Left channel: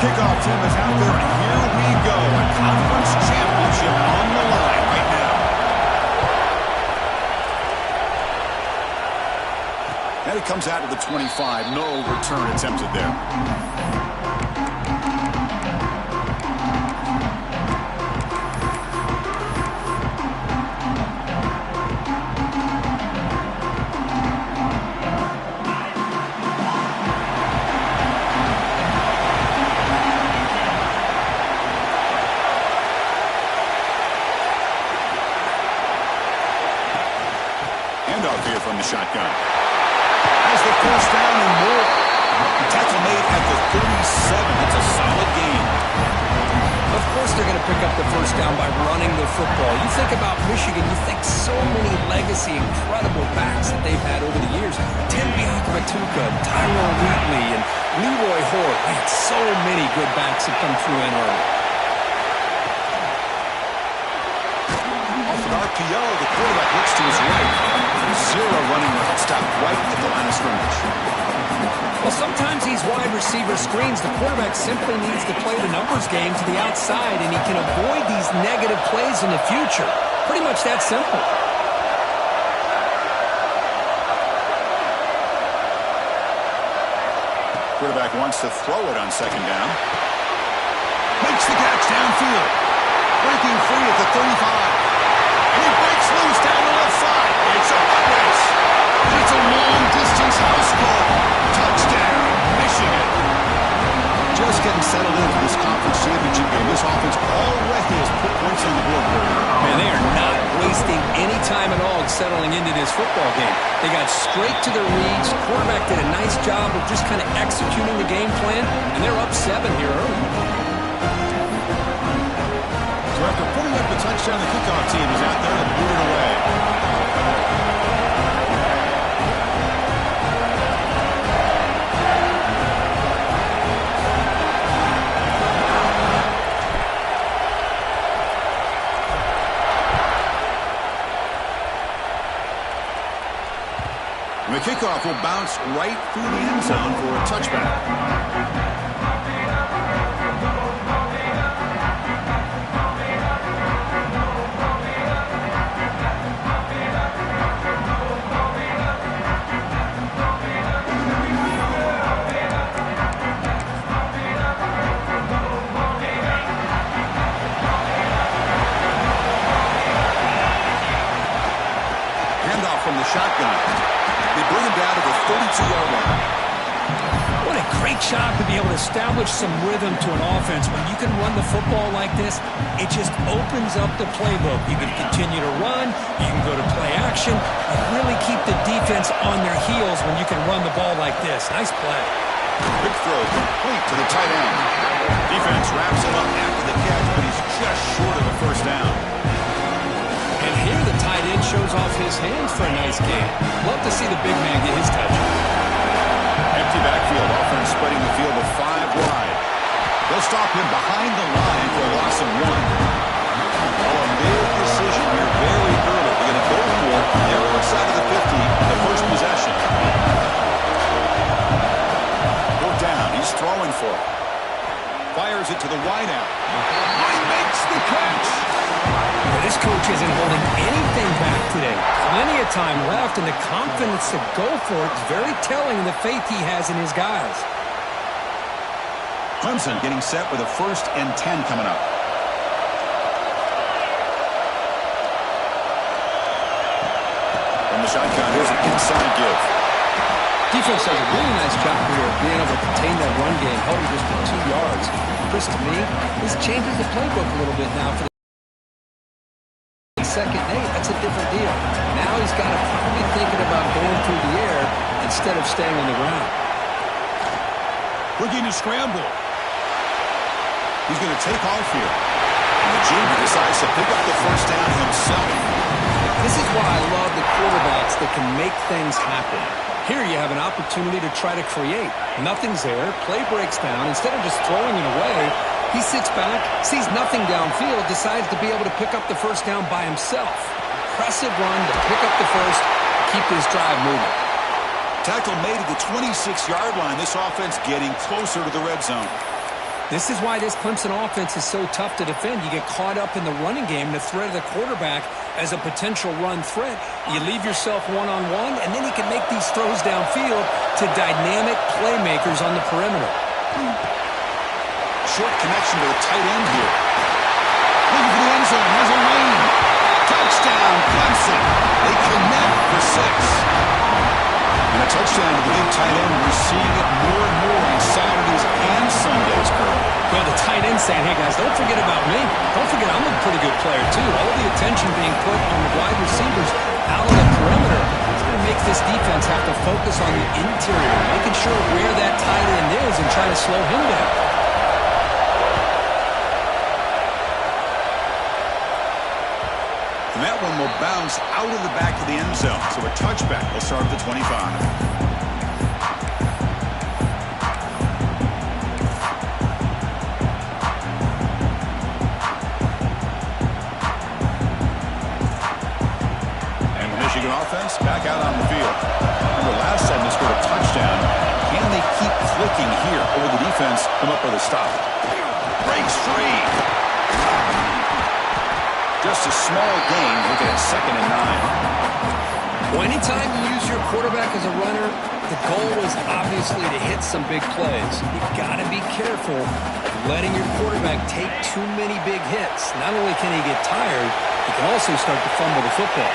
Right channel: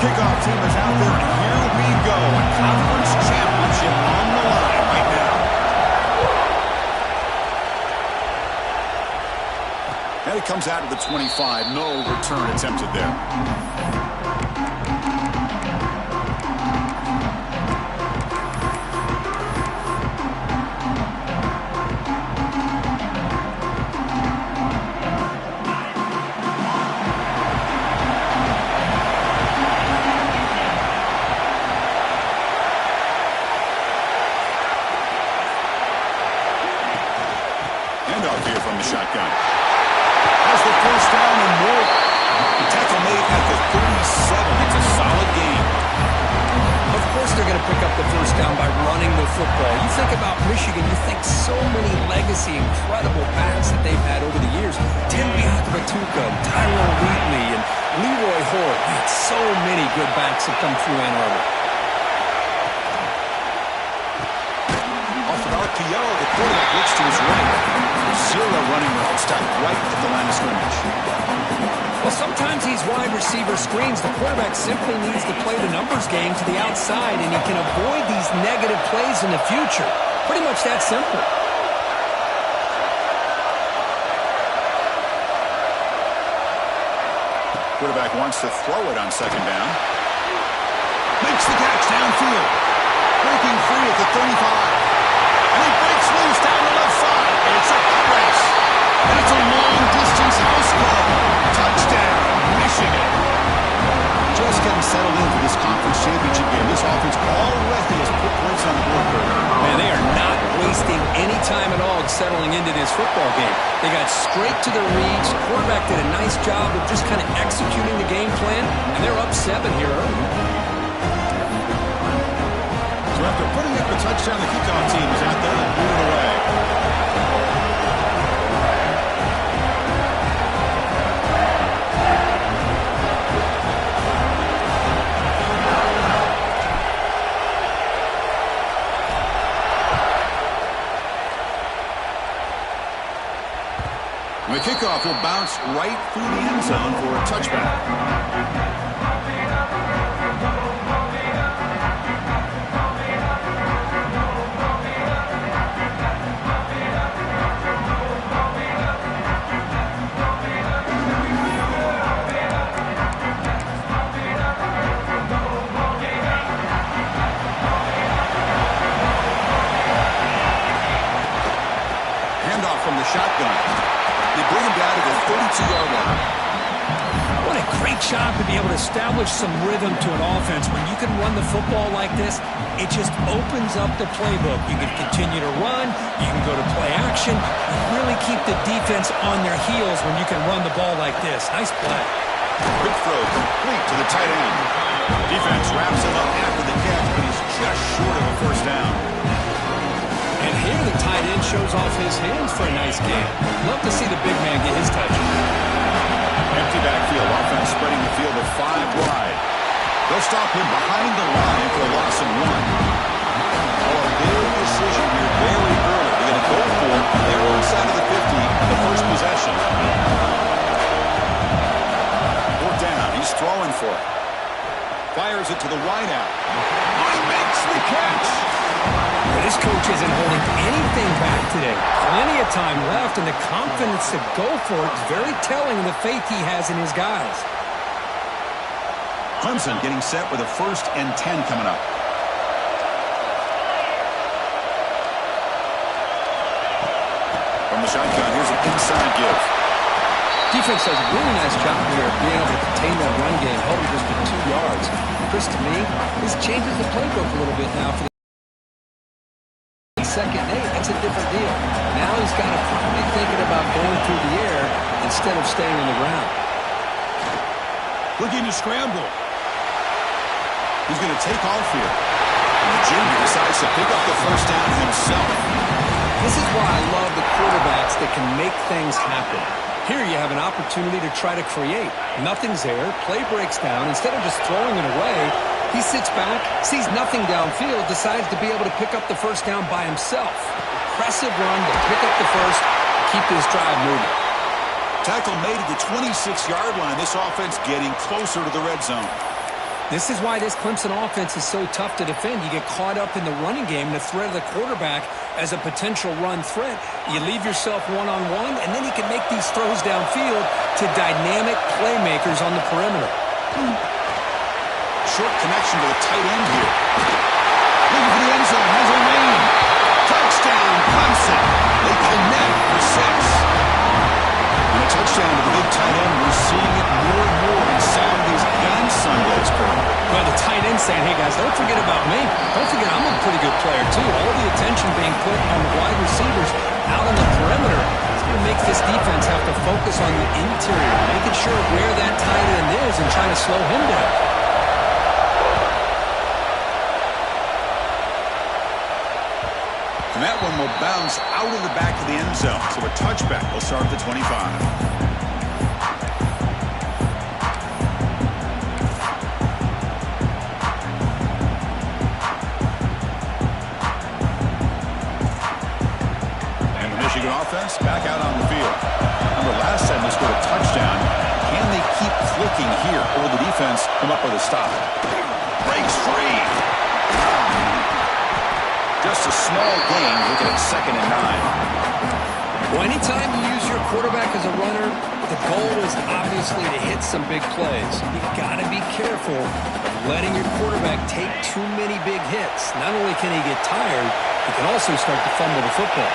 kickoff team is out there, and here we go. A conference championship on the line right now. And it comes out to the 25. No return attempted there. Handoff here from the shotgun. Has the first down and more. Tackle made at the 37. It's a solid game. Of course they're going to pick up the first down by running the football. You think about Michigan, you think so many legacy, incredible backs that they've had over the years. Tim Biakabatuka, Tyrone Wheatley, and Leroy Hoare. Man, so many good backs have come through Ann Arbor. Off an RPO, the quarterback looks to his right. Zero running route, stopped right at the line of scrimmage. Well, sometimes these wide receiver screens, the quarterback simply needs to play the numbers game to the outside, and he can avoid these negative plays in the future. Pretty much that simple. Quarterback wants to throw it on second down. Makes the catch downfield. Breaking free at the 35. And he breaks loose down the left side. It's a foot race. And it's a long-distance house call. Touchdown, Michigan. Just getting settled into this conference championship game. This offense already has put points on the board, Kurt. Man, they are not wasting any time at all settling into this football game. They got straight to their reads. Quarterback did a nice job of just kind of executing the game plan, and they're up 7 here early. So after putting up the touchdown, the kickoff team is out there to boot it away. And the kickoff will bounce right through the end zone for a touchback. From the shotgun. They bring him down to the 32-yard line. What a great job to be able to establish some rhythm to an offense. When you can run the football like this, it just opens up the playbook. You can continue to run. You can go to play action. You really keep the defense on their heels when you can run the ball like this. Nice play. Quick throw complete to the tight end. Defense wraps him up after the catch, but he's just short of a first down. And here the tight end shows off his hands for a nice gain. Love to see the big man get his touches. Empty backfield, offense spreading the field with 5 wide. They'll stop him behind the line for a loss of 1. Oh, a big decision here very early. They're going to go for their own side of the 50 on the first possession. 4th down, he's throwing for it. Fires it to the wideout. Oh, he makes the catch. Well, this coach isn't holding anything back today. Plenty of time left, and the confidence to go for it is very telling in the faith he has in his guys. Clemson getting set with a 1st and 10 coming up. From the shotgun, here's an inside give. Defense does a really nice job here of being able to contain that run game, holding just to 2 yards. Chris, to me, this changes the playbook a little bit now for the 2nd and 8. That's a different deal. Now he's got to probably thinking about going through the air instead of staying on the ground. Looking to scramble. He's going to take off here. And the junior decides to pick up the first down himself. This is why I love the quarterbacks that can make things happen. Here you have an opportunity to try to create. Nothing's there. Play breaks down. Instead of just throwing it away, he sits back, sees nothing downfield, decides to be able to pick up the first down by himself. Impressive run to pick up the first, keep this drive moving. Tackle made at the 26-yard line. This offense getting closer to the red zone. This is why this Clemson offense is so tough to defend. You get caught up in the running game and the threat of the quarterback as a potential run threat. You leave yourself one-on-one, and then you can make these throws downfield to dynamic playmakers on the perimeter. Short connection to the tight end here. Looking for the end zone. Has a lane. Touchdown, Clemson. They connect for 6. And a touchdown to the big tight end. We're seeing it more and more on Saturdays and Sundays, Kurt. Well, the tight end saying, hey, guys, don't forget about me. Don't forget I'm a pretty good player, too. All the attention being put on the wide receivers out on the perimeter. It's going to make this defense have to focus on the interior, making sure where that tight end is and trying to slow him down. And that one will bounce out of the back of the end zone. So a touchback will start at the 25. And the Michigan offense back out on the field. Remember, last time they scored a touchdown. Can they keep clicking here? Or will the defense come up with a stop? Breaks free. Just a small gain, looking at 2nd and 9. Well, anytime you use your quarterback as a runner, the goal is obviously to hit some big plays. You've got to be careful of letting your quarterback take too many big hits. Not only can he get tired, he can also start to fumble the football.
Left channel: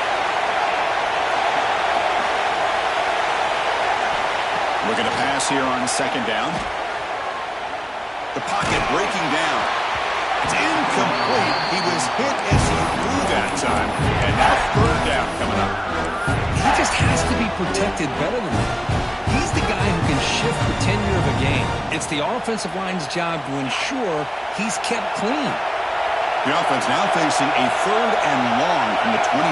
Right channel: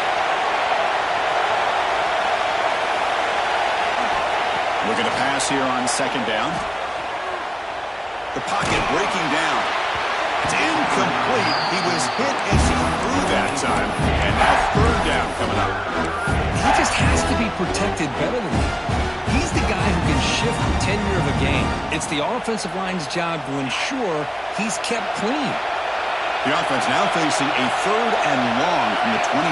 Looking to pass here on 2nd down. The pocket breaking down. It's incomplete. He was hit as he threw that time. And now 3rd down coming up. He just has to be protected better than that. He's the guy who can shift the tenure of a game. It's the offensive line's job to ensure he's kept clean. The offense now facing a 3rd and long from the 26.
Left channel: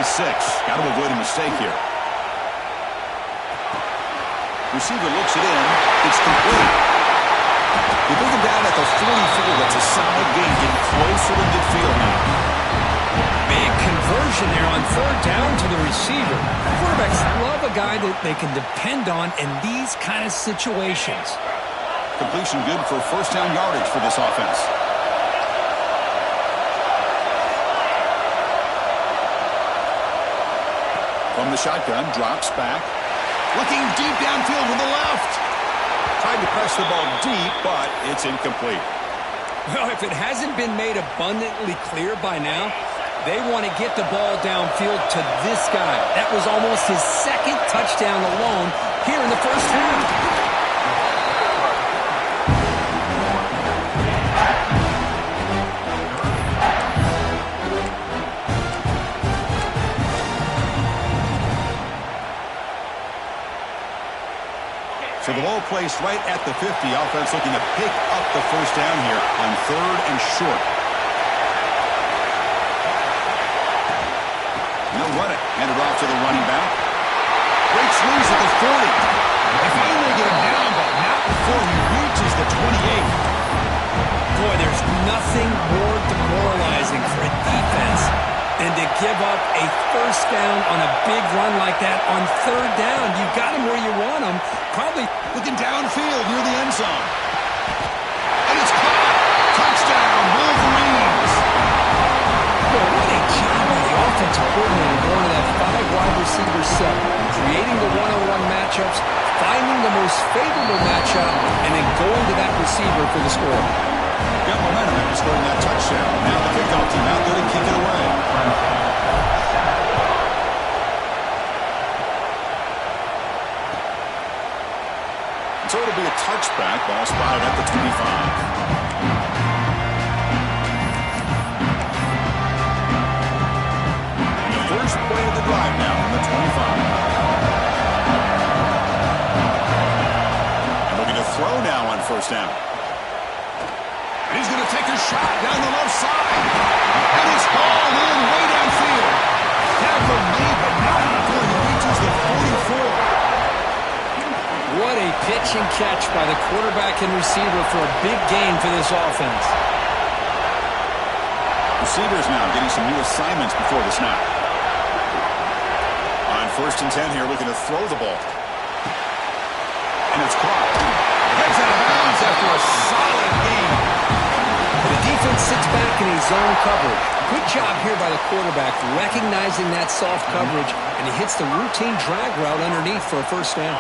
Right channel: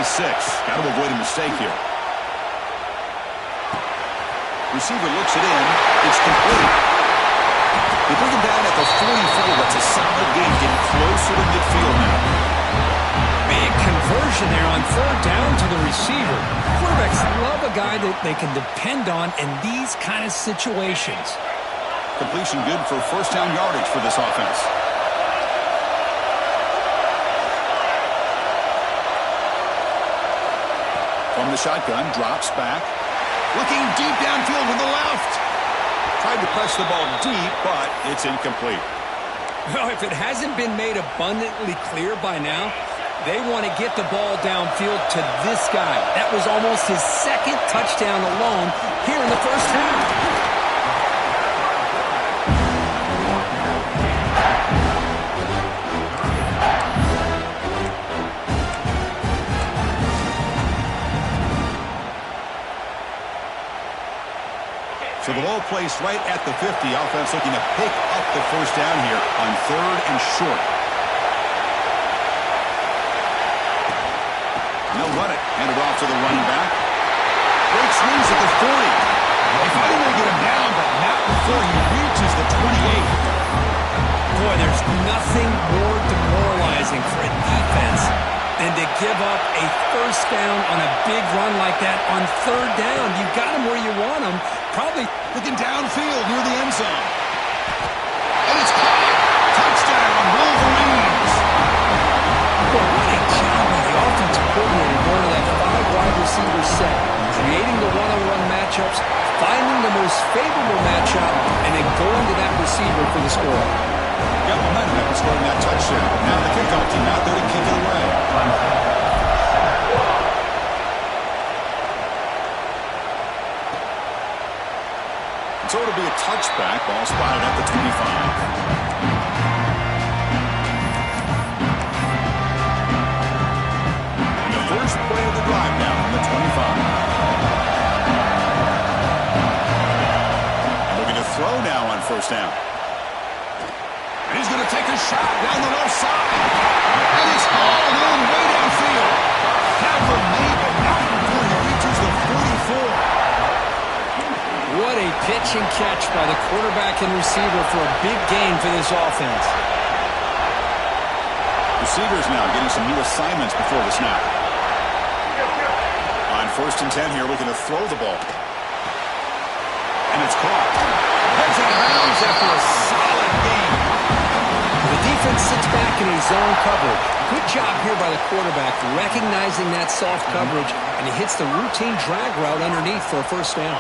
Got to avoid a mistake here. Receiver looks it in. It's complete. They bring him down at the 44. That's a solid gain, getting closer to midfield now. Big conversion there on 3rd down to the receiver. Quarterbacks love a guy that they can depend on in these kind of situations. Completion good for 1st down yardage for this offense. From the shotgun, drops back. Looking deep downfield to the left. Tried to press the ball deep, but it's incomplete. Well, if it hasn't been made abundantly clear by now, they want to get the ball downfield to this guy. That was almost his 2nd touchdown alone here in the 1st half. So the ball placed right at the 50. Offense looking to pick up the 1st down here on 3rd and short. They'll run it. Hand it off to the running back. Breaks loose at the 40. They finally get him down, but not before he reaches the 28. Boy, there's nothing more demoralizing for a defense than to give up a 1st down on a big run like that on 3rd down. You got him where you want him. Probably looking downfield near the end zone. And it's caught. Touchdown, Wolverines. Boy, what a job by the offensive coordinator going to that 5-wide receiver set, creating the one-on-one matchups, finding the most favorable matchup, and then going to that receiver for the score. Got momentum after scoring that touchdown. Now the kickoff team out there to kick it away. So it'll be a touchback. Ball spotted at the 25. And the first play of the drive now on the 25. And looking to throw now on 1st down. He's going to take a shot down the left side. And it's hauled in way downfield. Tackle made, but not before he reaches the 44. What a pitch and catch by the quarterback and receiver for a big gain for this offense. Receivers now getting some new assignments before the snap. On 1st and 10 here, looking to throw the ball. And it's caught. Heads out of bounds after a solid game. defense sits back in a zone coverage. Good job here by the quarterback recognizing that soft coverage, and he hits the routine drag route underneath for a first down.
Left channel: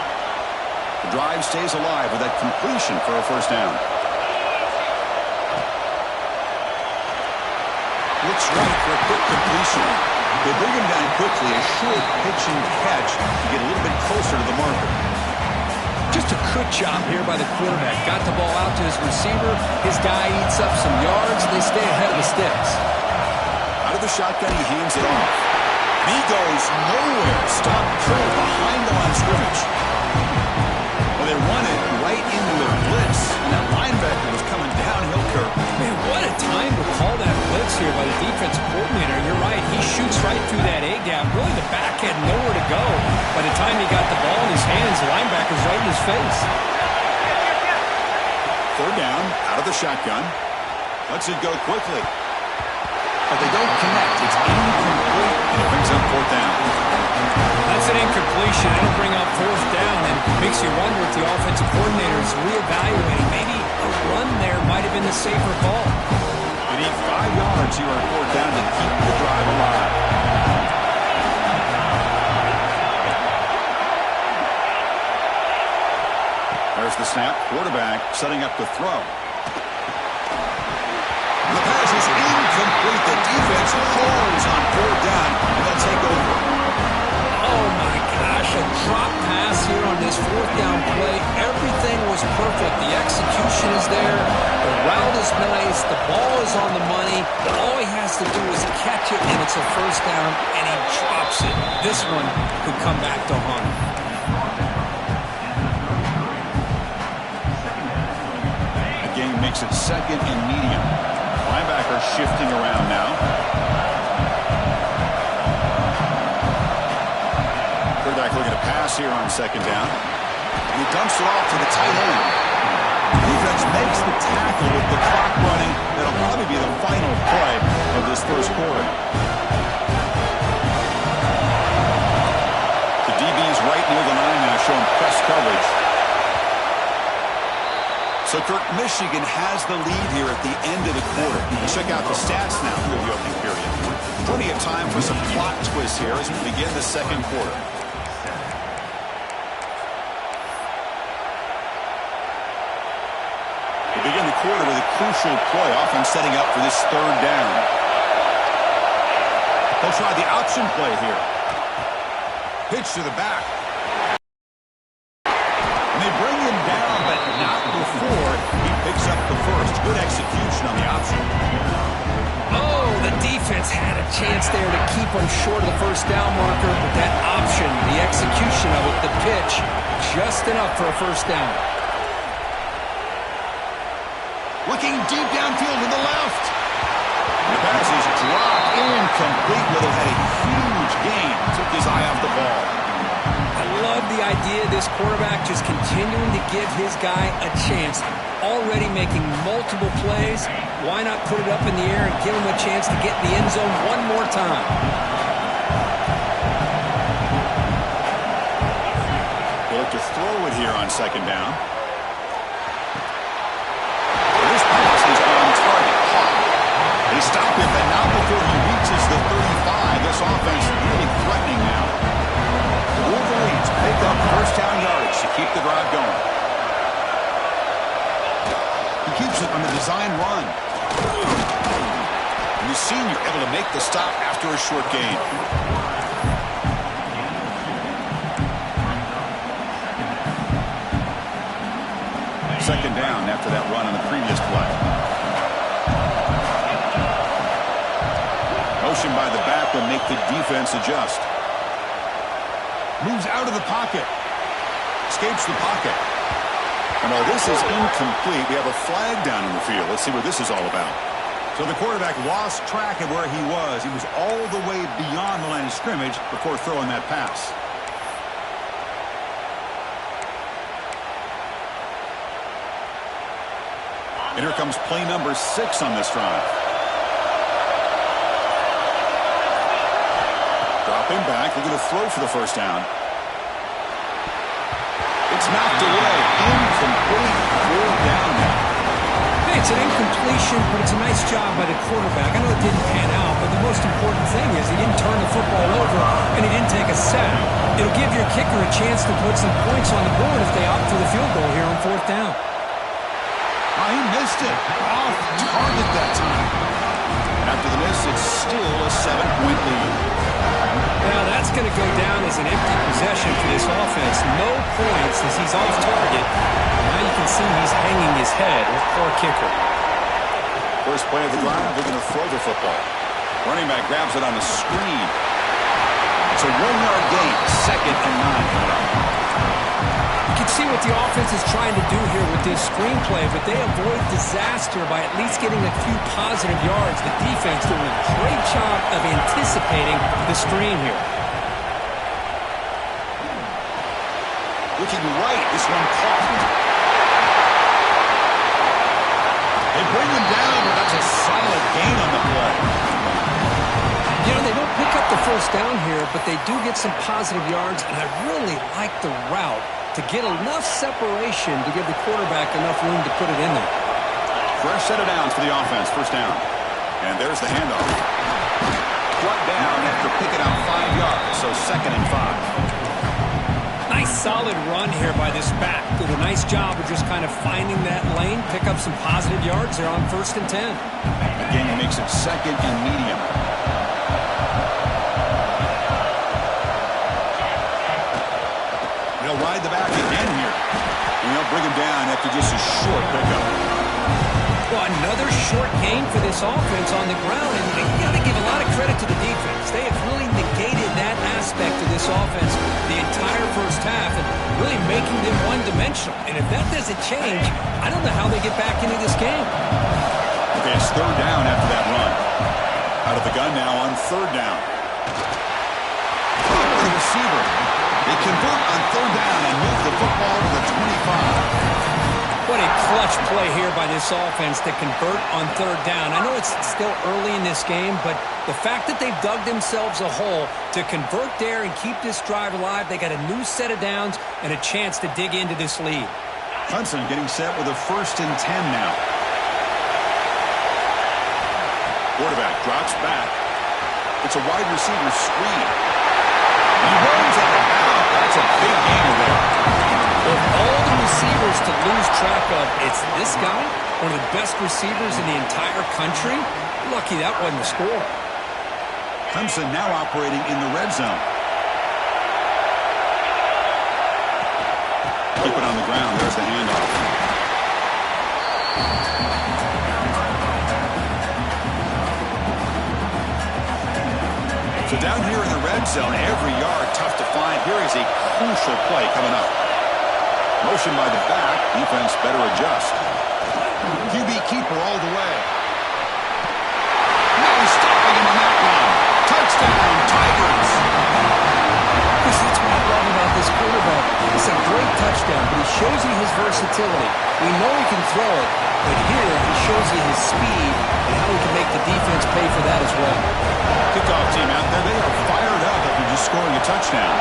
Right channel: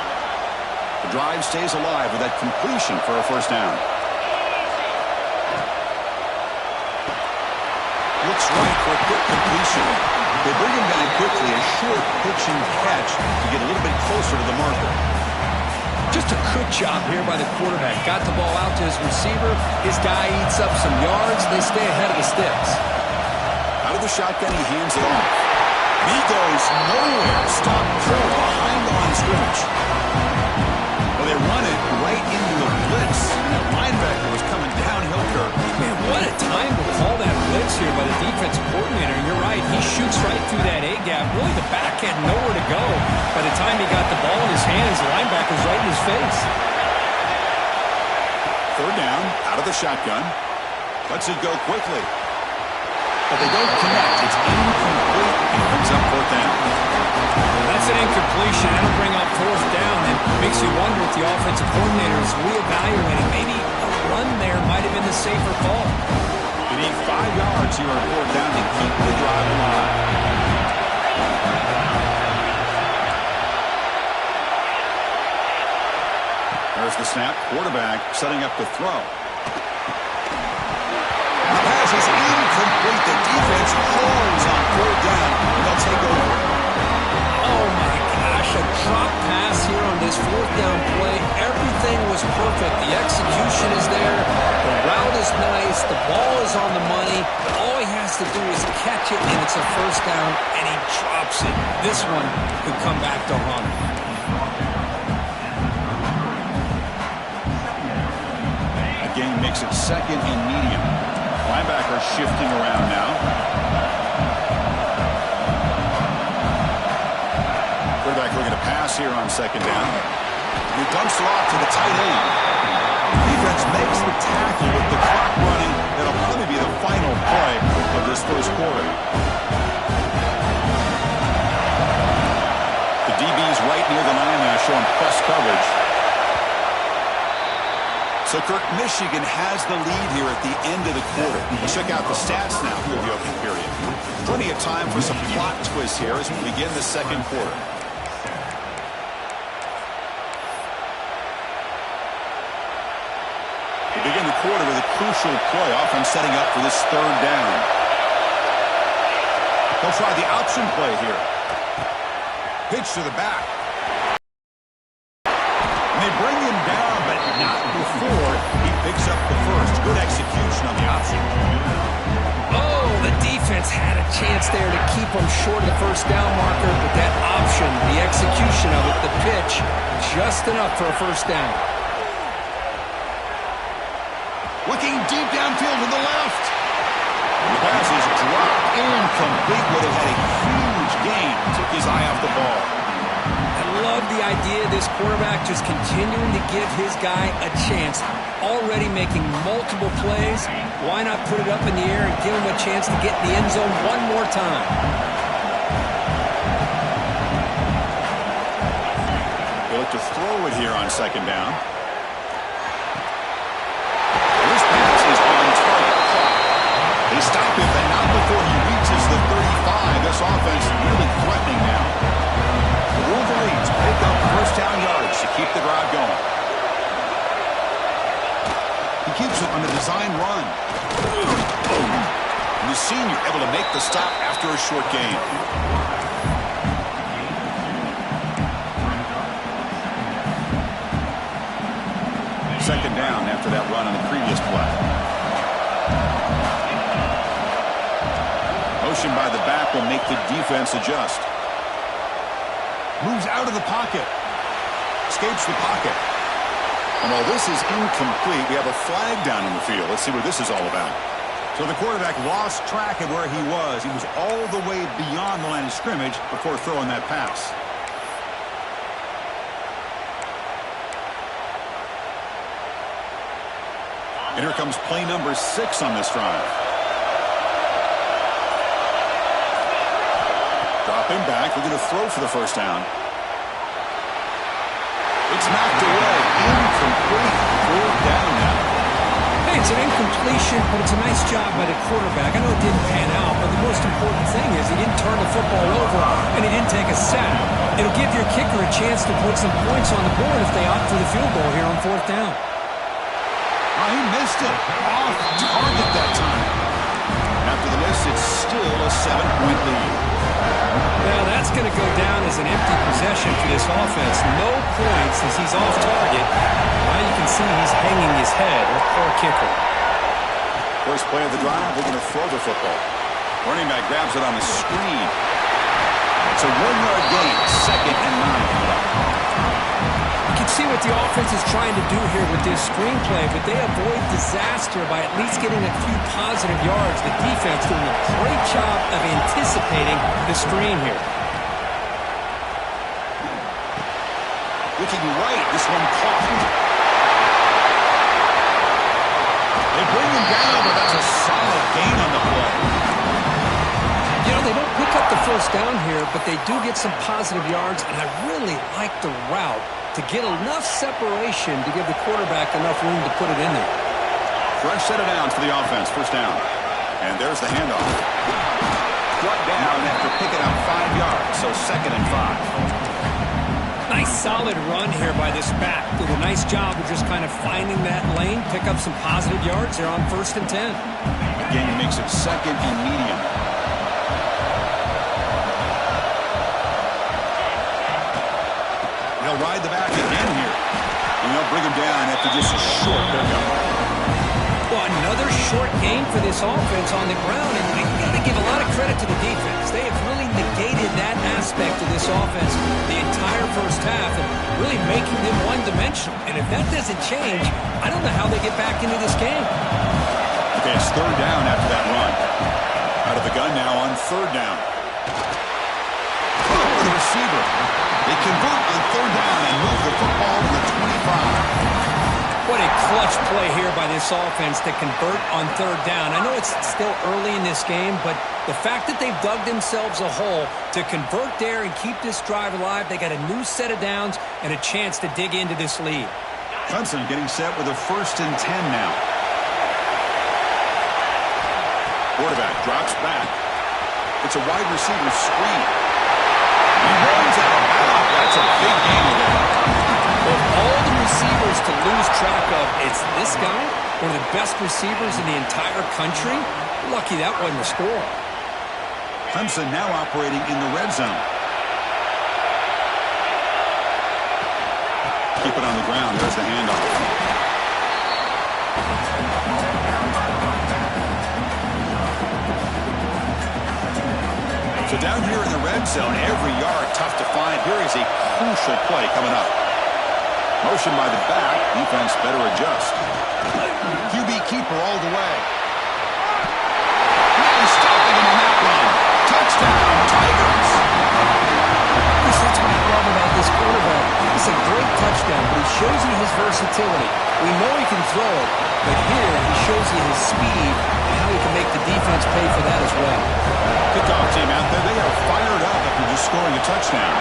The drive stays alive with that completion for a first down. Looks right for a quick completion. They bring him down quickly, a short pitch and catch to get a little bit closer to the marker. Just a good job here by the quarterback. Got the ball out to his receiver. His guy eats up some yards. They stay ahead of the sticks. Out of the shotgun, he hands it off. And he goes nowhere. Stop cold behind the line of scrimmage. Well, they run it right into a blitz, and that linebacker was coming downhill, Kirk. Man, what a time to call that blitz here by the defensive coordinator. You're right. He shoots right through that A-gap. Really, the back had nowhere to go. By the time he got the ball in his hands, the linebacker's right in his face. Third down, out of the shotgun. Lets it go quickly. But they don't connect. It's incomplete, and it brings up fourth down. That's an incompletion. That'll bring up fourth down, and makes you wonder if the offensive coordinator is reevaluating. Maybe a run there might have been the safer call. They need 5 yards here on fourth down to keep the drive alive. There's the snap. Quarterback setting up to throw. The pass is incomplete. The defense holds on fourth down, and they'll take over. Oh, my gosh, a drop pass here on this fourth down play. Everything was perfect. The execution is there. The route is nice. The ball is on the money. All he has to do is catch it, and it's a first down, and he drops it. This one could come back to haunt him. The game makes it second and medium. Linebacker shifting around now. Quarterback looking to pass here on second down. And he dumps it off to the tight end. Defense makes the tackle with the clock running. That'll probably be the final play of this first quarter. The DB's right near the line now, showing press coverage. So, Kirk, Michigan has the lead here at the end of the quarter. Let's check out the stats now for the opening period. Plenty of time for some plot twists here as we begin the second quarter. We begin the quarter with a crucial play, often setting up for this third down. They'll try the option play here. Pitch to the back. And they bring him down, but not before he picks up the first. Good execution on the option. Oh, the defense had a chance there to keep him short of the first down marker, but that option, the execution of it, the pitch, just enough for a first down. Looking deep downfield to the left. The pass is dropped incomplete. Would have had a huge gain. Took his eye off the ball. I love the idea of this quarterback just continuing to give his guy a chance. Already making multiple plays. Why not put it up in the air and give him a chance to get in the end zone one more time? They look to throw it here on second down. This pass is on target. Caught. They stop him, but not before he reaches the 35. This offense really threatening now. The Wolverines pick up first down yardage to keep the drive going. He keeps it on the design run. And the senior able to make the stop after a short gain. Second down after that run on the previous play. Motion by the back will make the defense adjust. Moves out of the pocket. Escapes the pocket. And while this is incomplete, we have a flag down in the field. Let's see what this is all about. So the quarterback lost track of where he was. He was all the way beyond the line of scrimmage before throwing that pass. And here comes play number 6 on this drive. Dropping back, looking to throw for the first down. It's knocked away. Incomplete. Fourth down now. Hey, it's an incompletion, but it's a nice job by the quarterback. I know it didn't pan out, but the most important thing is he didn't turn the football over and he didn't take a sack. It'll give your kicker a chance to put some points on the board if they opt for the field goal here on 4th down. Oh, he missed it. Off target that time. And after the miss, it's still a 7-point lead. Now that's going to go down as an empty possession for this offense. No points as he's off target. Now you can see he's hanging his head. Poor kicker. First play of the drive, they're going to throw the football. Running back grabs it on the screen. It's a 1-yard gain. 2nd and 9 coming up. You can see what the offense is trying to do here with this screenplay, but they avoid disaster by at least getting a few positive yards. The defense doing a great job of anticipating the screen here. Looking right, this one caught. They bring him down, but that's a solid gain on the play. You know, they don't pick up the first down here, but they do get some positive yards, and I really like the route to get enough separation to give the quarterback enough room to put it in there. Fresh set of downs for the offense. First down. And there's the handoff. Brought down after picking up 5 yards, so 2nd and 5. Nice solid run here by this back. Did a nice job of just kind of finding that lane, pick up some positive yards there on 1st and 10. Again, he makes it 2nd and medium. They'll ride the back again here. And they'll bring him down after just a short pickup. Well, another short gain for this offense on the ground. And you got to give a lot of credit to the defense. They have really negated that aspect of this offense the entire first half and really making them one-dimensional. And if that doesn't change, I don't know how they get back into this game. Okay, it's 3rd down after that run. Out of the gun now on 3rd down. Caught for the receiver. They convert on 3rd down and move the football to the 25. What a clutch play here by this offense to convert on 3rd down. I know it's still early in this game, but the fact that they've dug themselves a hole to convert there and keep this drive alive, they got a new set of downs and a chance to dig into this lead. Clemson getting set with a 1st and 10 now. Quarterback drops back. It's a wide receiver screen. He runs out of bounds. That's a big gainer there. Of all the receivers to lose track of, it's this guy, one of the best receivers in the entire country. Lucky that wasn't a score. Clemson now operating in the red zone. Keep it on the ground. There's the handoff. So down here in the red zone, every yard tough to find. Here is a crucial play coming up. Motion by the back. Defense better adjust. QB keeper all the way. Now he's stopping him on that run. Touchdown, Tigers. That's what I love about this quarterback. It's a great touchdown, but he shows you his versatility. We know he can throw it, but here he shows you his speed and how he can make the defense pay for that as well. Kickoff team out there, they are fired up after just scoring a touchdown.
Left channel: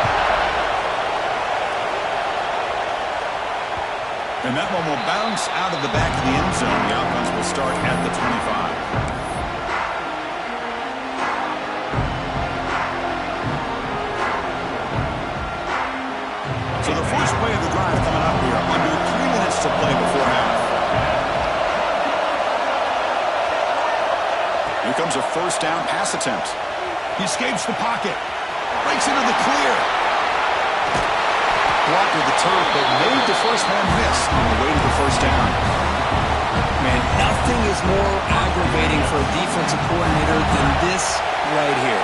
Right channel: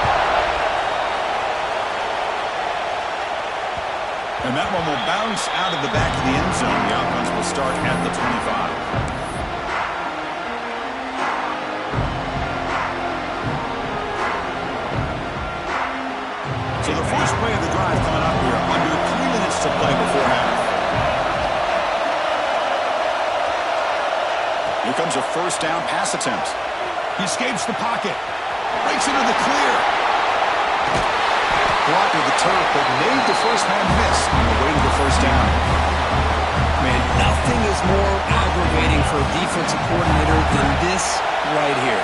And that one will bounce out of the back of the end zone. The offense will start at the 25. So the first play of the drive coming up here. Under 3 minutes to play before half. Here comes a 1st down pass attempt. He escapes the pocket. Breaks into the clear. Blocked with the turf, but made the first man miss on the way to the 1st down. Man, nothing is more aggravating for a defensive coordinator than this right here.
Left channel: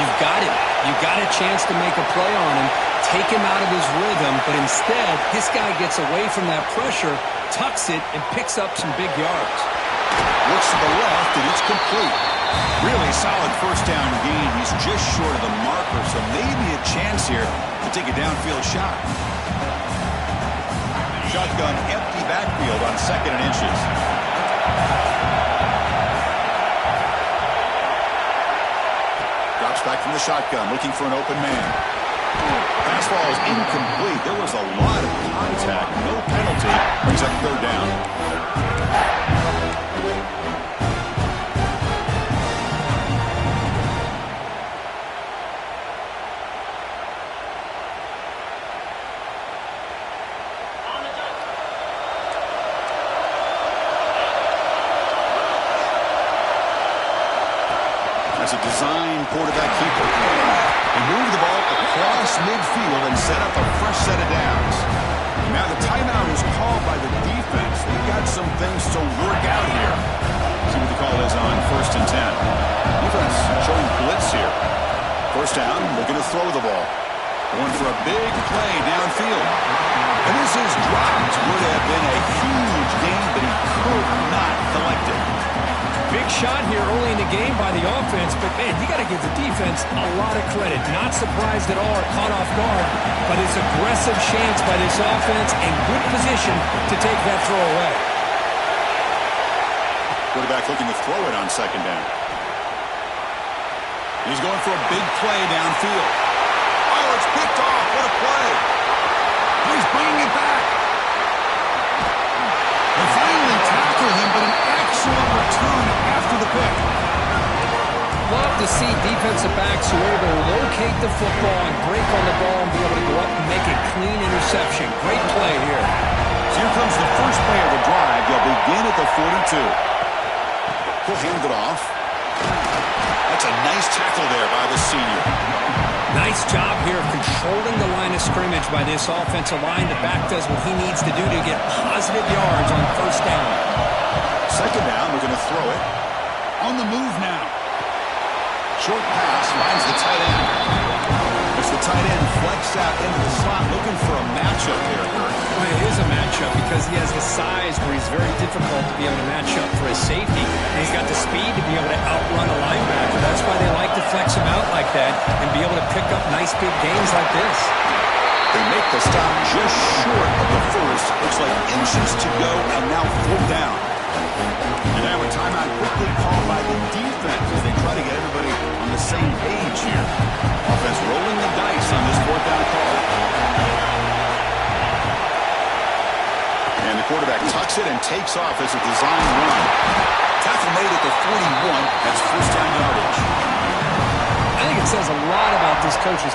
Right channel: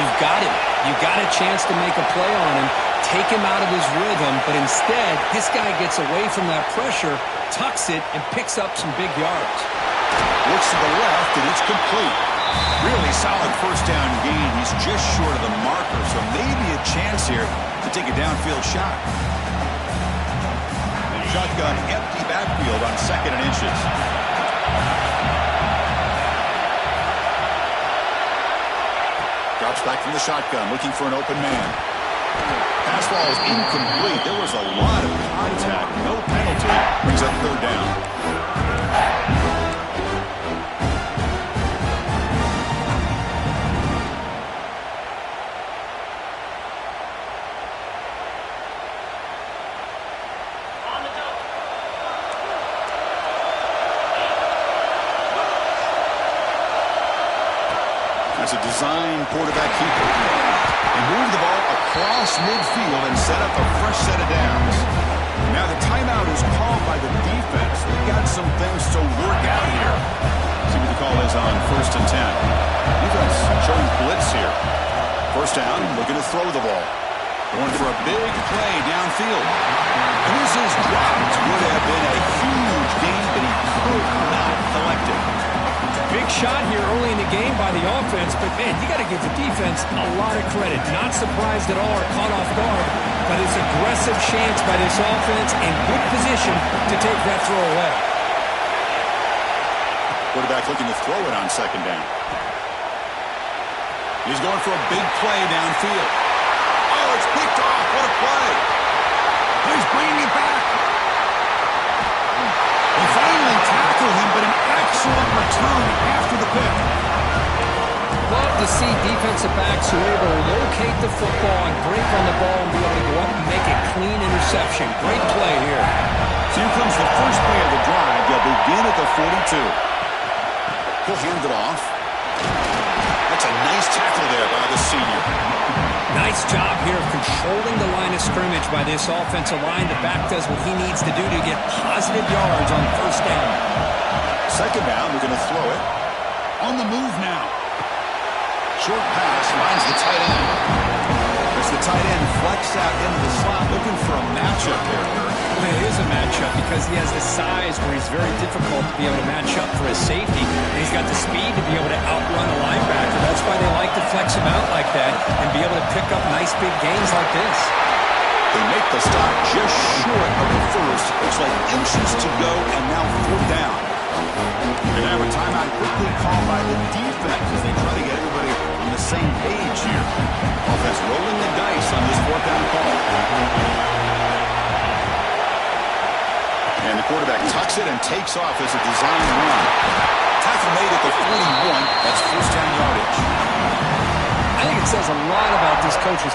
You've got him. You've got a chance to make a play on him, take him out of his rhythm, but instead, this guy gets away from that pressure, tucks it, and picks up some big yards. Looks to the left, and it's complete. Really solid 1st down gain. He's just short of the marker, so maybe a chance here to take a downfield shot. Shotgun empty backfield on 2nd and inches. Drops back from the shotgun, looking for an open man. Pass ball is incomplete. There was a lot of contact, no penalty. Brings up 3rd down. That's a design quarterback keeper. They move the ball across midfield and set up a fresh set of downs. Now the timeout is called by the defense. They've got some things to work out here. See what the call is on 1st and 10. Defense showing blitz here. First down, looking to throw the ball. Going for a big play downfield. And this is dropped. Would have been a huge gain, but he could not collect it. Big shot here early in the game by the offense, but, man, you got to give the defense a lot of credit. Not surprised at all or caught off guard, but it's aggressive chance by this offense and good position to take that throw away. Quarterback looking to throw it on 2nd down. He's going for a big play downfield. Oh, it's picked off. What a play. He's bringing it back. They finally tackle him, but an excellent return after the pick. Love to see defensive backs who are able to locate the football and break on the ball and be able to go up and make a clean interception. Great play here. So here comes the first play of the drive. They'll begin at the 42. He'll hand it off. That's a nice tackle there by the senior. Nice job here of controlling the line of scrimmage by this offensive line. The back does what he needs to do to get positive yards on 1st down. 2nd down, we're going to throw it. On the move now. Short pass finds the tight end. As the tight end flex out into the slot, looking for a matchup there. Well, it is a matchup because he has the size where he's very difficult to be able to match up for his safety. And he's got the speed to be able to outrun a linebacker. That's why they like to flex him out like that and be able to pick up nice big gains like this. They make the stop just short of the first. Looks like inches to go, and now 4th down. And now a timeout quickly called by the defense as they try to get everybody on the same page here. Offense rolling the dice on this 4th down call. And the quarterback tucks it and takes off as a design run. Tackle made at the 41. That's 1st down yardage. I think it says a lot about this coach's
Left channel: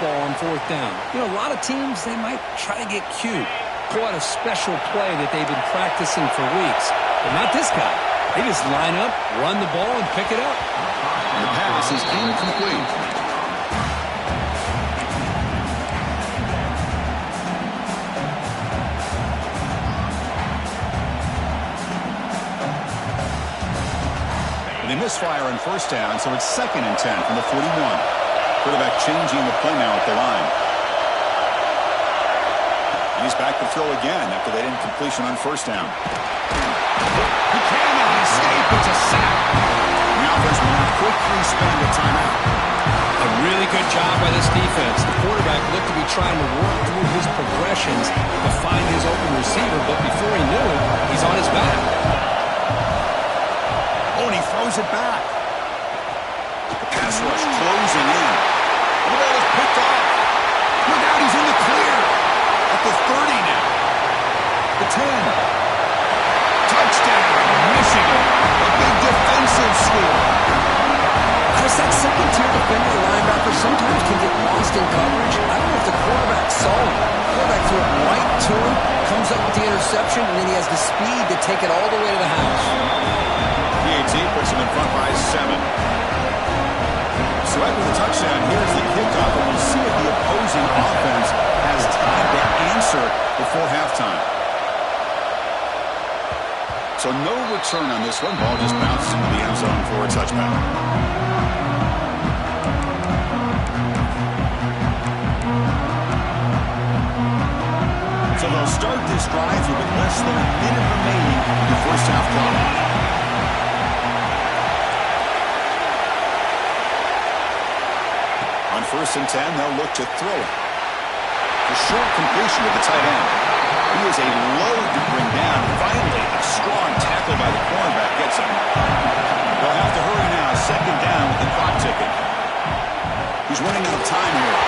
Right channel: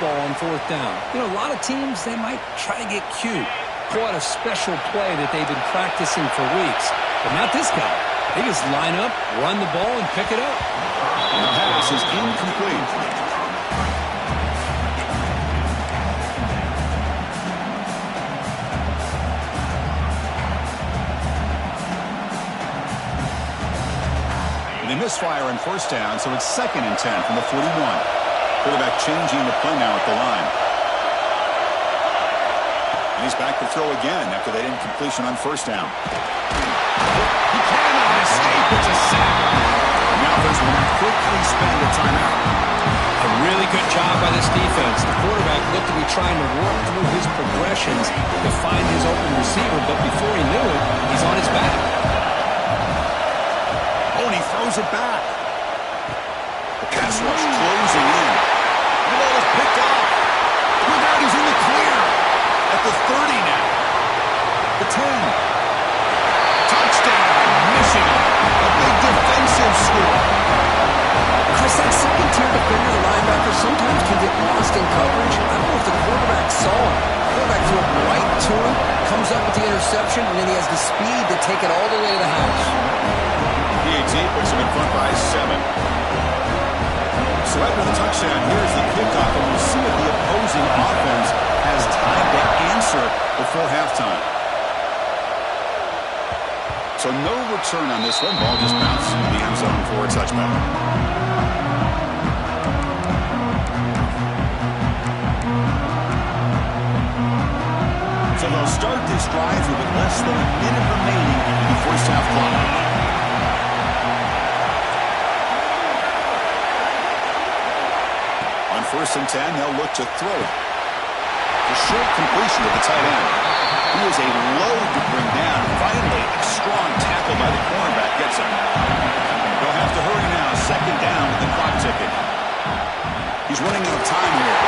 ball on 4th down. You know, a lot of teams, they might try to get cute. Pull out a special play that they've been practicing for weeks. But not this guy. They just line up, run the ball, and pick it up. And the pass is incomplete. They misfire on 1st down, so it's 2nd and 10 from the 41. Quarterback changing the play now at the line. And he's back to throw again after that incompletion on 1st down. He cannot escape. It's a sack. The offense will now quickly spend a timeout. A really good job by this defense. The quarterback looked to be trying to work through his progressions to find his open receiver, but before he knew it, he's on his back. Oh, and he throws it back. The pass rush closing in. And the ball is picked off. Look out, he's in the clear. At the 30 now. The 10. Touchdown, Michigan. A big defensive score. Chris, that second-tier defender, the linebacker, sometimes can get lost in coverage. I don't know if the quarterback saw him. The quarterback threw it right to him, comes up with the interception, and then he has the speed to take it all the way to the house. PAT puts him in front by 7. So after the touchdown, here's the kickoff, and we'll see if the opposing offense has time to answer before halftime. So no return on this one. Ball just bounced into the end zone for a touchback. So they'll start this drive here with less than a minute remaining in the first half clock. On 1st and 10, they'll look to throw it. The short completion to the tight end. He is a load to bring down. Finally, a strong tackle by the cornerback gets him. They'll have to hurry now. 2nd down with the clock ticking. He's running out of time here.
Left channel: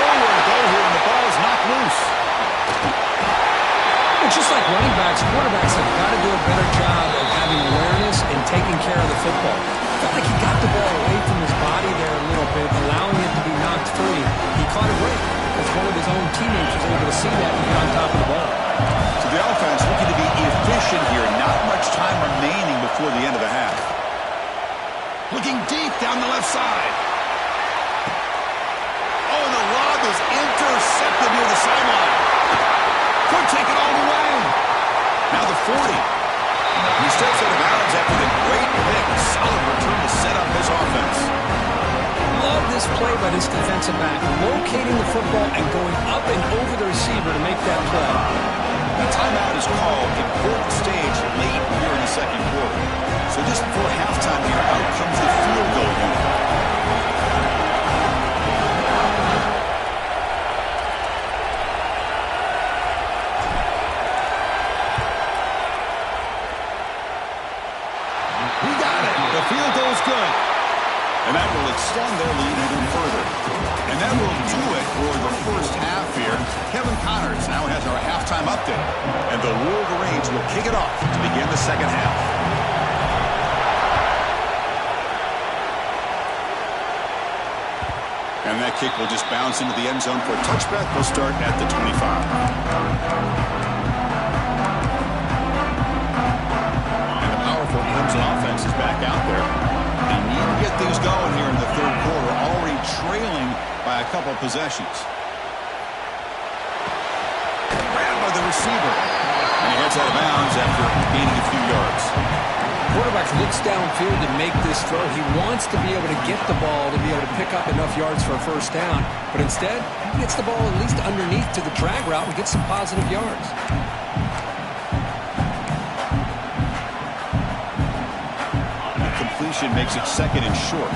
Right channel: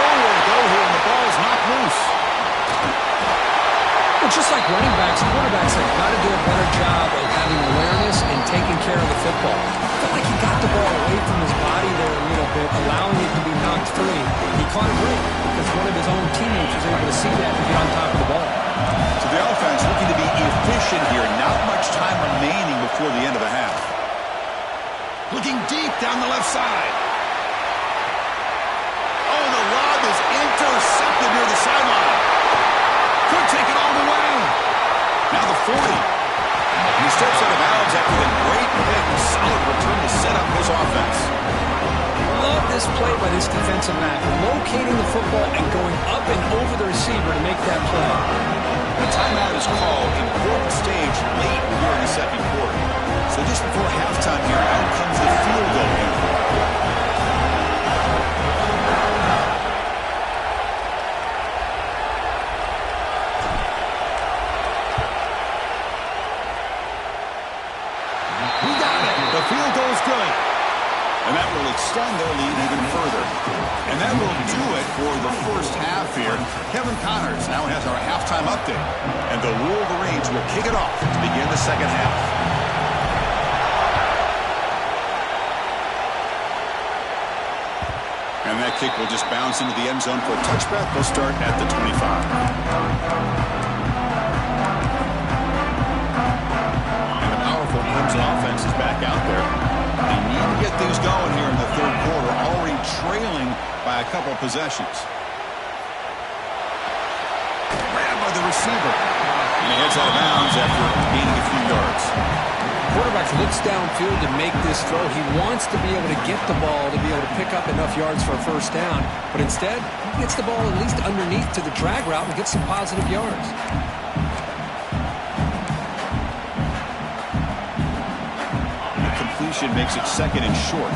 Nowhere to go here, and the ball is knocked loose. Well, just like running backs, quarterbacks have got to do a better job of having awareness and taking care of the football. I felt like he got the ball away from his body there a little bit, allowing it to be knocked free. He caught a break because one of his own teammates was able to see that and get on top of the ball. So the offense looking to be efficient here. Not much time remaining before the end of the half. Looking deep down the left side. Oh, and the lob is intercepted near the sideline. Could take it all the way. Now the 40. He steps out of bounds after the great pick. Solid return to set up his offense. Love this play by this defensive back. Locating the football and going up and over the receiver to make that play. A timeout is called. Important stage late here in the second quarter. So just before halftime here, out comes the field goal unit. We got it. The field goal's good. And that will extend their lead even further. And that will do it for the first half here. Kevin Connors now has our halftime update. And the Wolverines will kick it off to begin the second half. And that kick will just bounce into the end zone for a touchback. They'll start at the 25. Clemson offense is back out there. They need to get things going here in the third quarter, already trailing by a couple possessions. Grabbed by the receiver. And he heads out of bounds after gaining a few yards. Quarterback looks downfield to make this throw. He wants to be able to get the ball to be able to pick up enough yards for a first down. But instead, he gets the ball at least underneath to the drag route and gets some positive yards. Makes it second and short.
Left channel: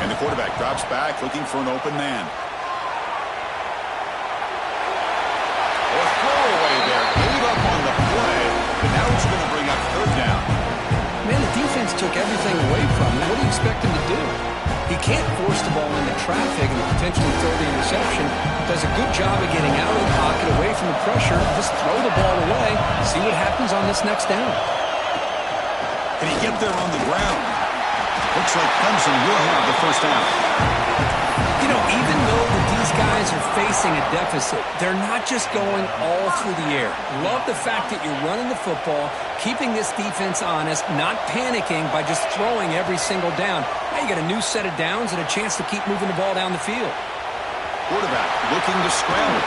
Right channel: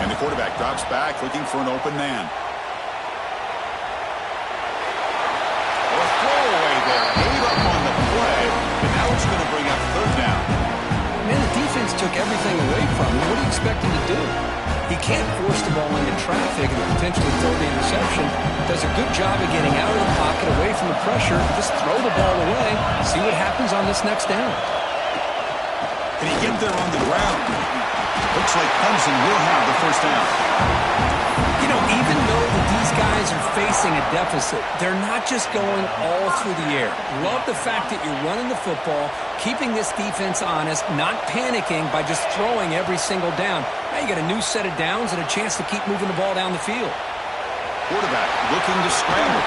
And the quarterback drops back looking for an open man. A throwaway there. Gave up on the play, but now it's going to bring up third down. Man, the defense took everything away from him. What do you expect him to do? He can't force the ball into traffic and potentially throw the interception. Does a good job of getting out of the pocket, away from the pressure. Just throw the ball away. See what happens on this next down. Can he get there on the ground? Looks like Clemson will have the first down. You know, even though these guys are facing a deficit, they're not just going all through the air. Love the fact that you're running the football, keeping this defense honest, not panicking by just throwing every single down. Now you got a new set of downs and a chance to keep moving the ball down the field. Quarterback looking to scramble.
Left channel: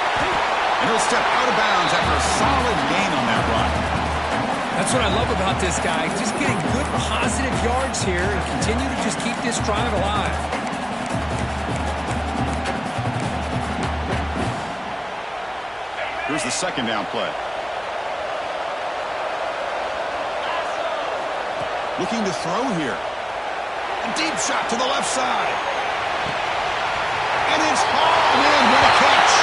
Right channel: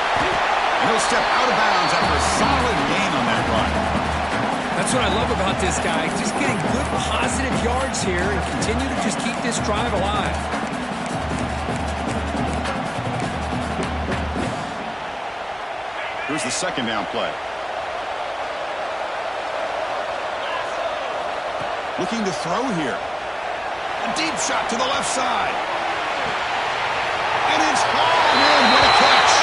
And he'll step out of bounds after a solid gain on that run. That's what I love about this guy. Just getting good, positive yards here and continue to just keep this drive alive. Here's the second down play. Looking to throw here. A deep shot to the left side. And it's hauled in. What a catch.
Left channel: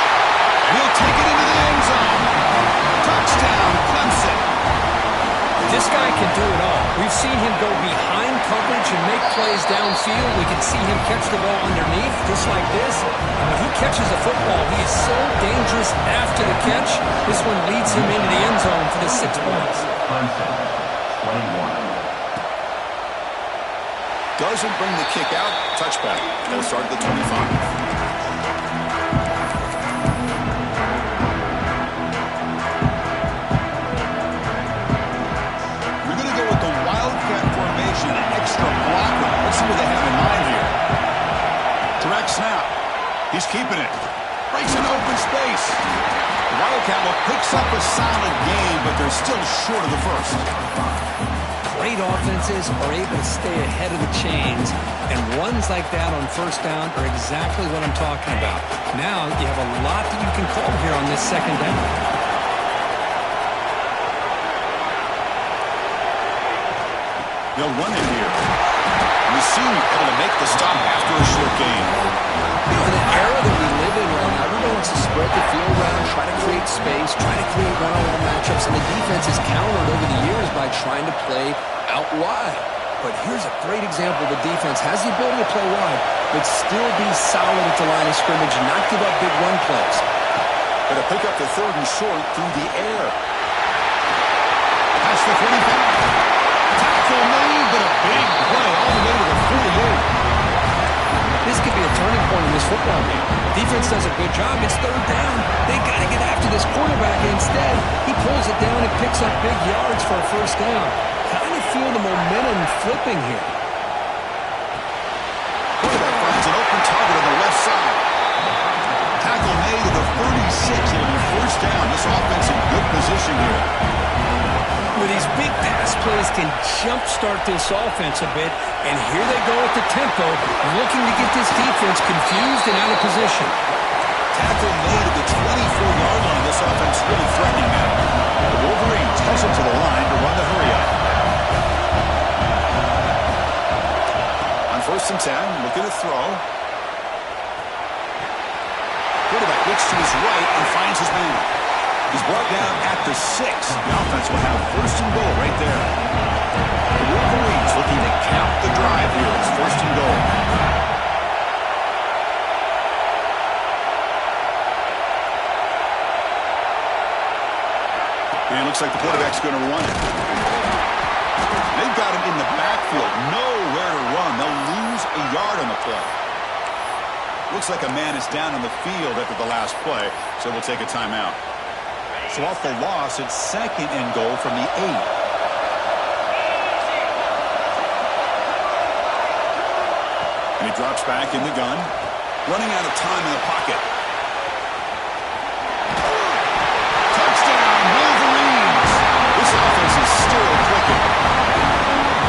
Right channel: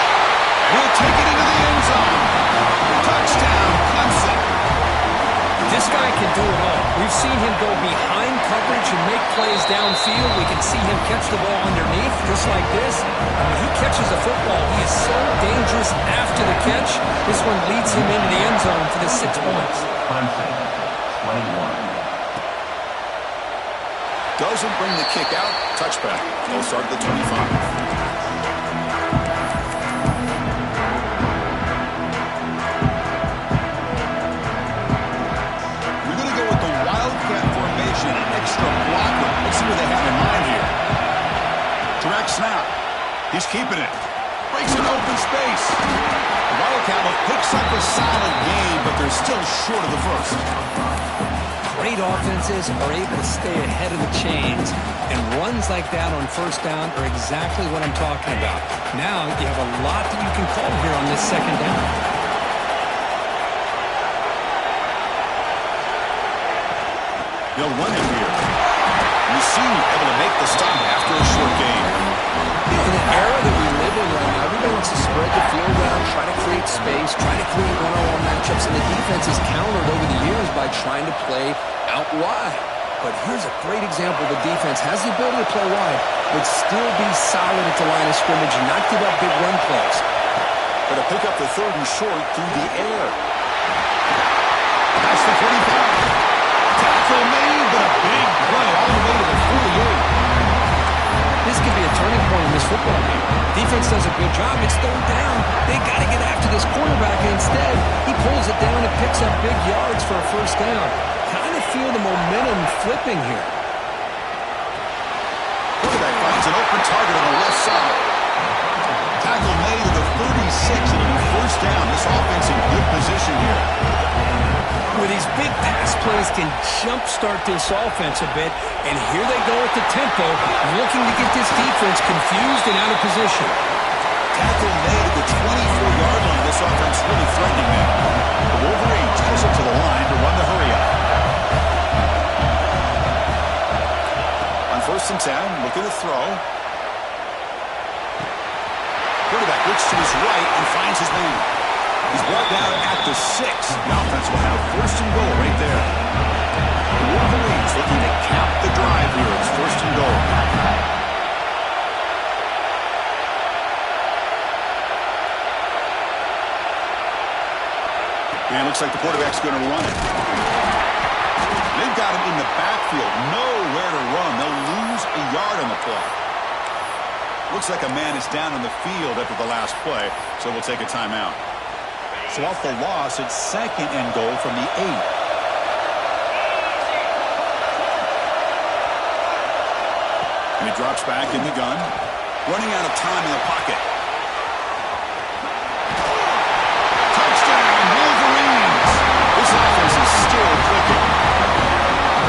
And he'll take it into the end zone. Touchdown, Clemson. This guy can do it all. We've seen him go behind coverage and make plays downfield. We can see him catch the ball underneath, just like this. And when he catches a football, he is so dangerous after the catch. This one leads him into the end zone for the 6 points. Clemson, 21. Doesn't bring the kick out. Touchback. They'll start at the 25. Extra blocker. Let's see what they have in mind here. Direct snap. He's keeping it. Breaks an open space. The Wildcat picks up a solid gain, but they're still short of the first. Great offenses are able to stay ahead of the chains, and runs like that on first down are exactly what I'm talking about. Now you have a lot that you can call here on this second down. They'll run it here. We've seen you able to make the stop after a short gain. You know, in the era that we live in right now, everybody wants to spread the field around, try to create space, try to create one-on-one matchups, and the defense is countered over the years by trying to play out wide. But here's a great example. The defense has the ability to play wide, but still be solid at the line of scrimmage and not give up big run plays. But to pick up the third and short through the air. That's the 45. Tackle made, but a big play all the way to the 48. This could be a turning point in this football game. Defense does a good job. It's third down. They got to get after this quarterback. quarterback. Instead, he pulls it down and picks up big yards for a first down. Kind of feel the momentum flipping here. Quarterback finds an open target on the left side. Tackle made to the 36. It'll be first down. This offense in good position here. With these big pass plays can jumpstart this offense a bit, and here they go at the tempo, looking to get this defense confused and out of position. Tackle made at the 24-yard line. This offense really threatening now. The Wolverines hustle to the line to run the hurry-up. On 1st and 10, looking to throw. Quarterback looks to his right and finds his man. He's brought down at the 6. The offense will have 1st and goal right there. The Wolverines looking to cap the drive here. It's 1st and goal. And it looks like the quarterback's going to run it. They've got him in the backfield. Nowhere to run. They'll lose a yard on the play. Looks like a man is down on the field after the last play, so we'll take a timeout. So off the loss, it's 2nd and goal from the 8. And he drops back in the gun. Running out of time in the pocket. Touchdown, Wolverines! This offense is still clicking.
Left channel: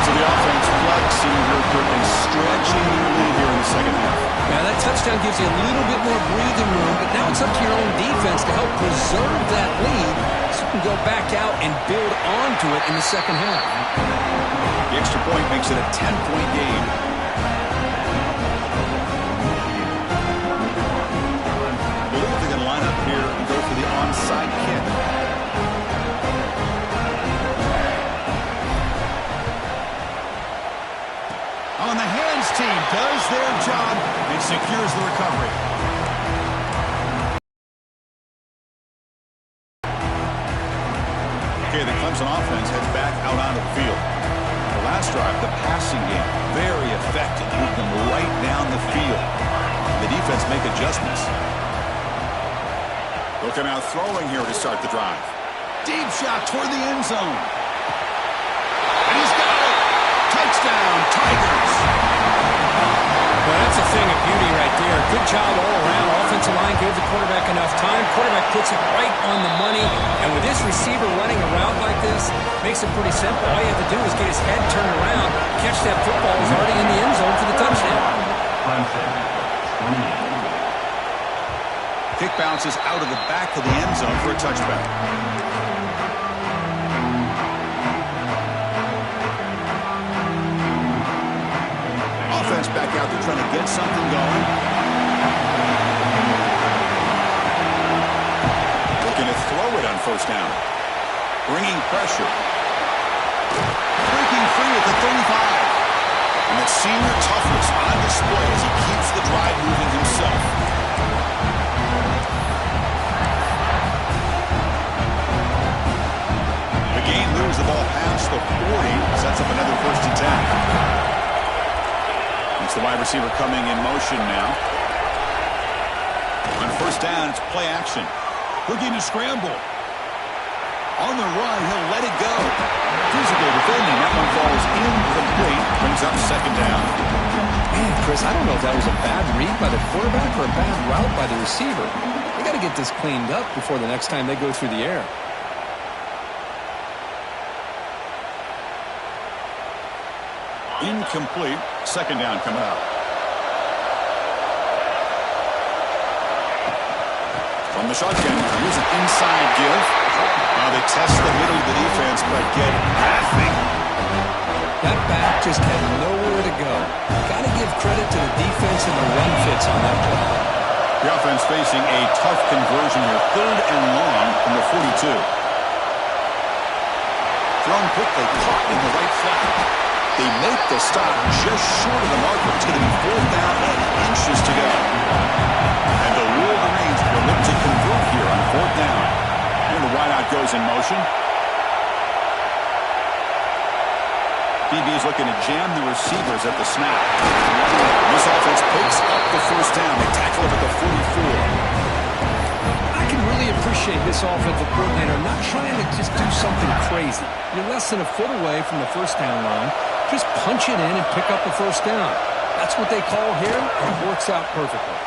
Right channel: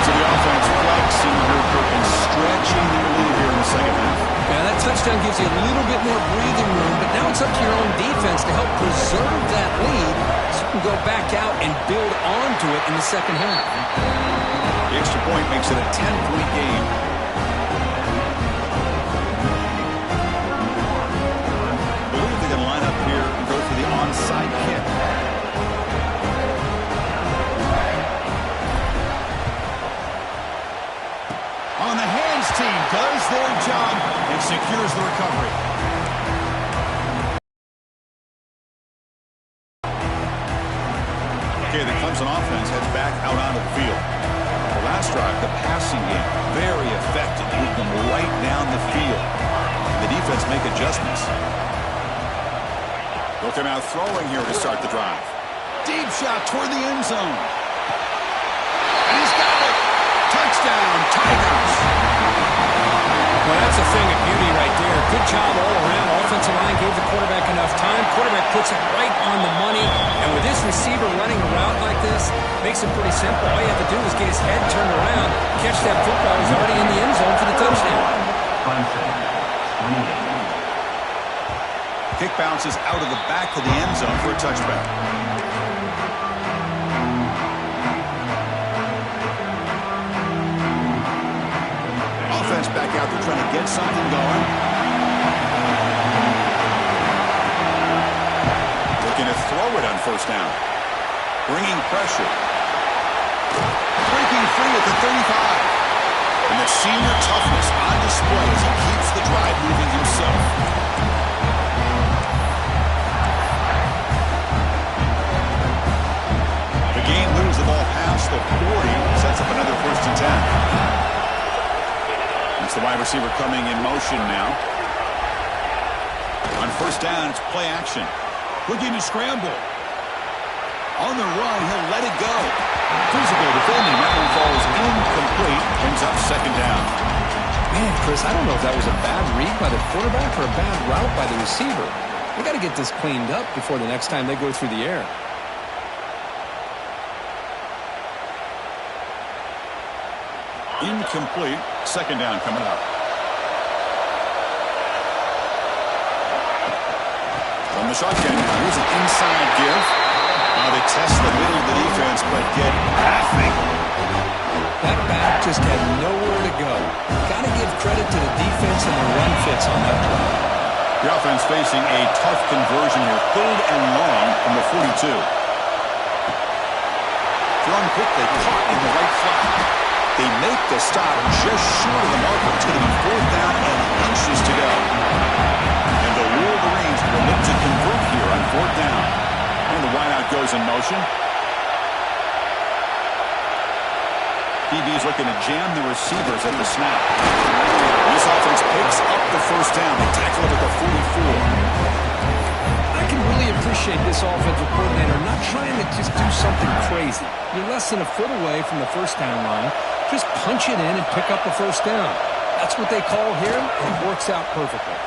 So the offense flexing and stretching their lead here in the second half. Yeah, that touchdown gives you a little bit more breathing room, but now it's up to your own defense to help preserve that lead so you can go back out and build onto it in the second half. The extra point makes it a 10-point game. I believe they're going to line up here and go for the onside kick. On the hands team does their job and secures the recovery. Okay, the Clemson offense heads back out onto the field. The last drive, the passing game, very effective. Moved them right down the field. The defense make adjustments. They'll come out throwing here to start the drive. Deep shot toward the end zone. And he's got it. Touchdown, Tigers. Well, that's a thing of beauty right there. Good job all around. Offensive line gave the quarterback enough time. Quarterback puts it right on the money. And with this receiver running a route like this, makes it pretty simple. All you have to do is get his head turned around, catch that football. He's already in the end zone for the touchdown. Clemson, 28. Kick bounces out of the back of the end zone for a touchback. Offense back out there trying to get something going. Looking to throw it on 1st down. Bringing pressure. Breaking free at the 35. And that senior toughness on display as he keeps the drive moving himself. The game moves the ball past the 40. Sets up another 1st and 10. It's the wide receiver coming in motion now. On 1st down, it's play action. Looking to scramble. On the run, he'll let it go. Physical defending. That one falls incomplete. Brings up 2nd down. Man, Chris, I don't know if that was a bad read by the quarterback or a bad route by the receiver. They got to get this cleaned up before the next time they go through the air. Incomplete. 2nd down coming up. From the shotgun now. Here's an inside give. They test the middle of the defense, but get nothing. That back just had nowhere to go. Got to give credit to the defense and the run fits on that play. The offense facing a tough conversion here. 3rd and long from the 42. Thrown quickly, caught in the right flat. They make the stop just short of the marker. It's going to be 4th down and inches to go. And the Wolverines will look to convert here on 4th down. And the wideout goes in motion. DB is looking to jam the receivers at the snap. This offense picks up the 1st down. They tackle him at the 44. I can really appreciate this offensive coordinator not trying to just do something crazy. You're less than a foot away from the first down line. Just punch it in and pick up a first down. That's what they call here, and it works out perfectly.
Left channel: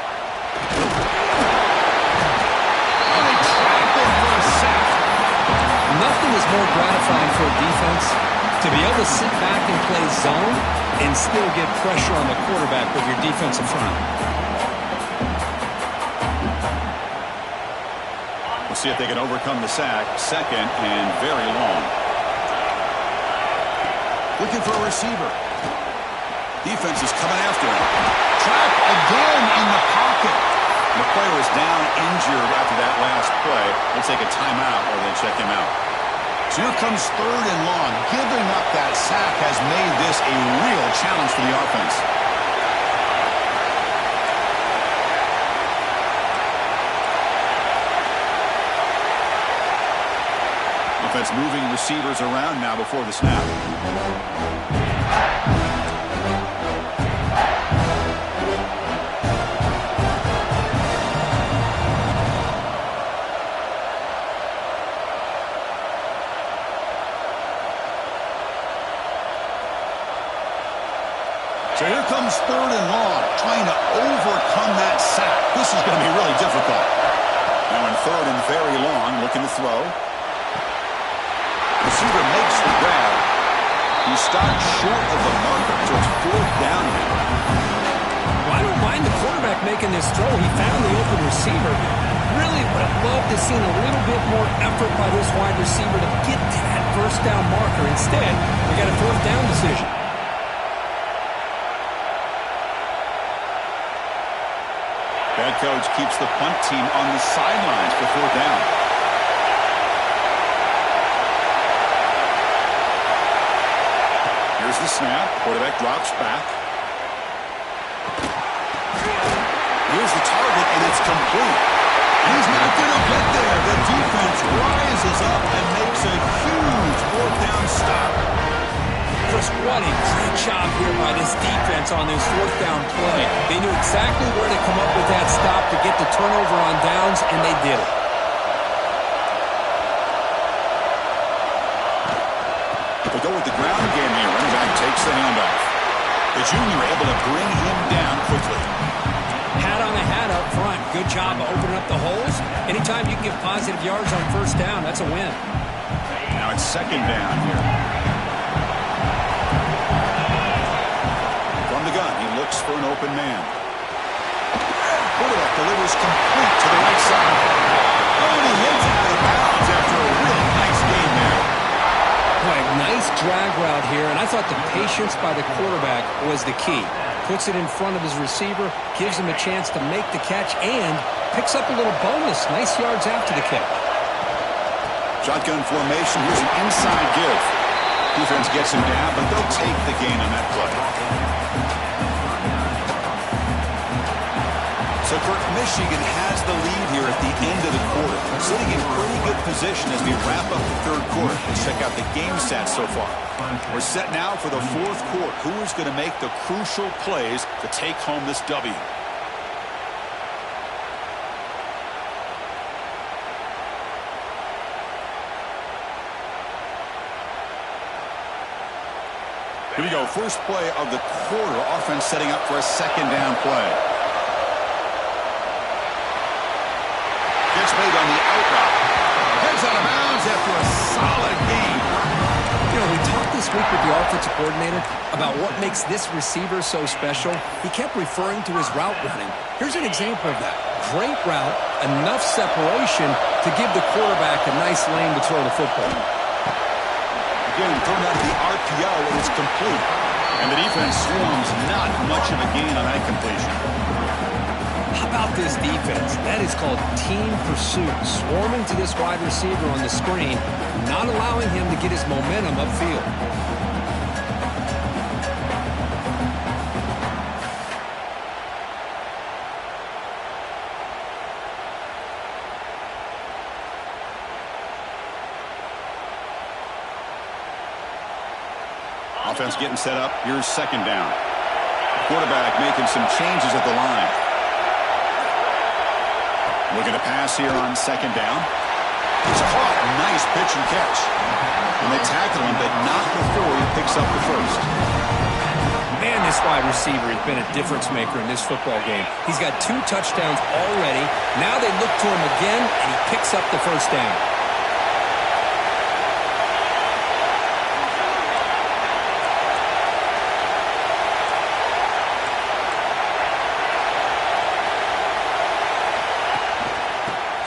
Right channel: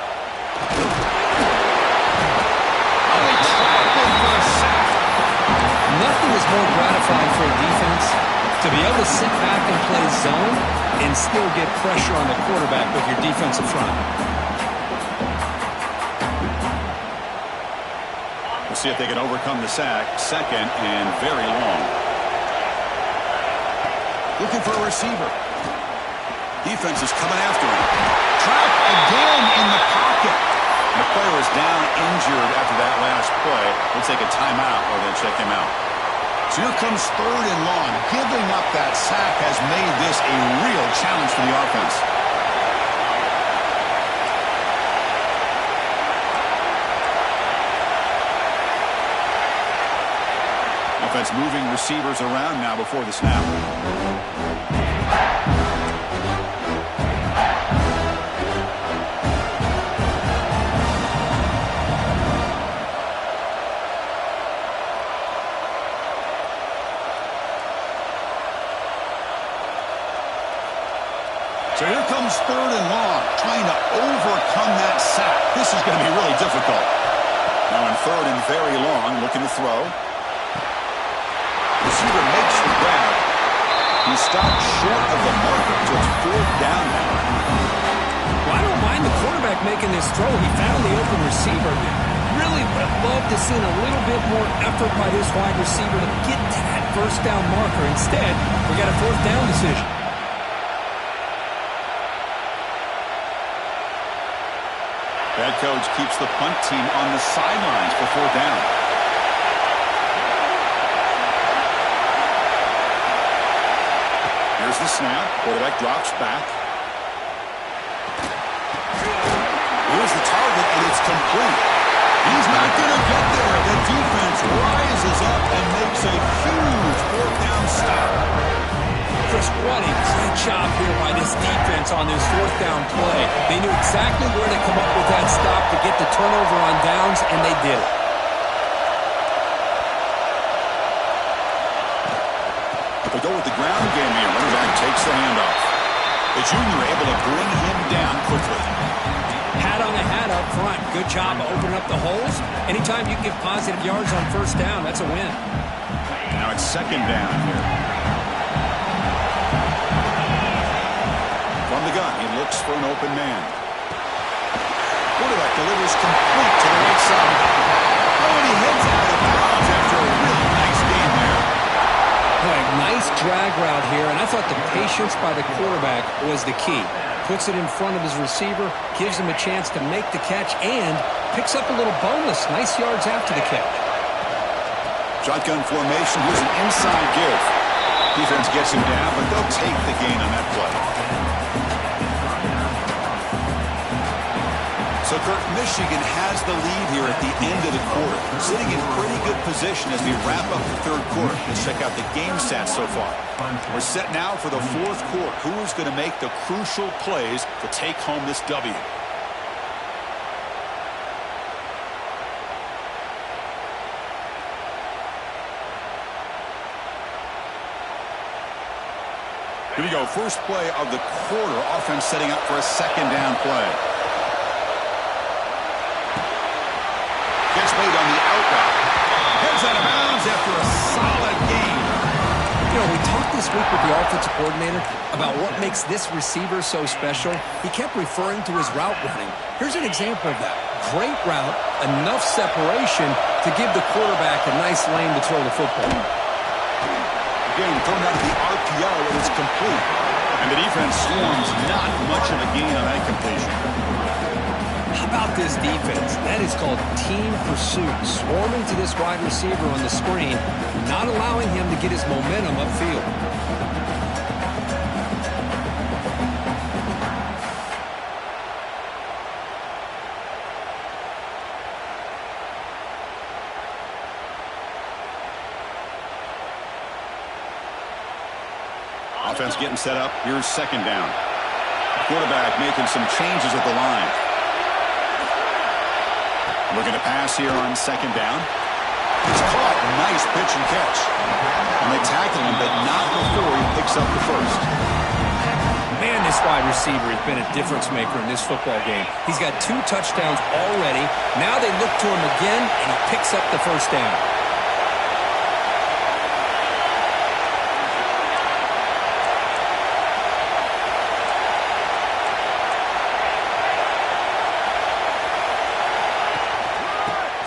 Oh, they trapped him for a sack. Nothing is more gratifying for a defense to be able to sit back and play zone and still get pressure on the quarterback with your defensive front. We'll see if they can overcome the sack. Second and very long. Looking for a receiver. Defense is coming after him. Trapped again in the pocket. The player is down injured after that last play. They'll take a timeout or they check him out. So here comes third and long. Giving up that sack has made this a real challenge for the offense. Offense moving receivers around now before the snap. So here comes third and long, trying to overcome that sack. This is going to be really difficult. Now in third and very long, looking to throw. Receiver makes the grab. He stopped short of the marker, so it's fourth down now. Well, I don't mind the quarterback making this throw. He found the open receiver. Really would have loved to seen a little bit more effort by this wide receiver to get to that first down marker. Instead, we got a fourth down decision. Head coach keeps the punt team on the sidelines for fourth down. Here's the snap. Quarterback drops back. Here's the target, and it's complete. He's not going to get there. The defense rises up and makes a huge fourth down stop. Chris, what a great job here by this defense on this fourth down play. They knew exactly where to come up with that stop to get the turnover on downs, and they did it. They'll go with the ground game here. Running back takes the handoff. The junior able to bring him down quickly. Hat on a hat up front. Good job of opening up the holes. Anytime you can get positive yards on first down, that's a win. Now it's second down here. From the gun, he looks for an open man. Quarterback delivers complete to the right side. Oh, and he heads out of bounds after a really nice gain there. Boy, nice drag route here, and I thought the patience by the quarterback was the key. Puts it in front of his receiver, gives him a chance to make the catch, and picks up a little bonus. Nice yards after the catch. Shotgun formation. Here's an inside give. Defense gets him down, but they'll take the gain on that play. So, Kurt, Michigan has the lead here at the end of the quarter. Sitting in pretty good position as we wrap up the third quarter. Let's check out the game stats so far. We're set now for the fourth quarter. Who is going to make the crucial plays to take home this W? Here we go. First play of the quarter. Offense setting up for a second down play. Gets made on the out route. Heads out of bounds after a solid gain. You know, we talked this week with the offensive coordinator about what makes this receiver so special. He kept referring to his route running. Here's an example of that. Great route, enough separation to give the quarterback a nice lane to throw the football. Again, thrown out of the RPO, and it's complete. And the defense swarms, not much of a gain on that completion. How about this defense? That is called team pursuit. Swarming to this wide receiver on the screen, not allowing him to get his momentum upfield. Offense getting set up. Here's second down. Quarterback making some changes at the line. Looking to pass here on second down. It's caught. Nice pitch and catch. And they tackle him, but not before he picks up the first. Man, this wide receiver has been a difference maker in this football game. He's got 2 touchdowns already. Now they look to him again, and he picks up the first down.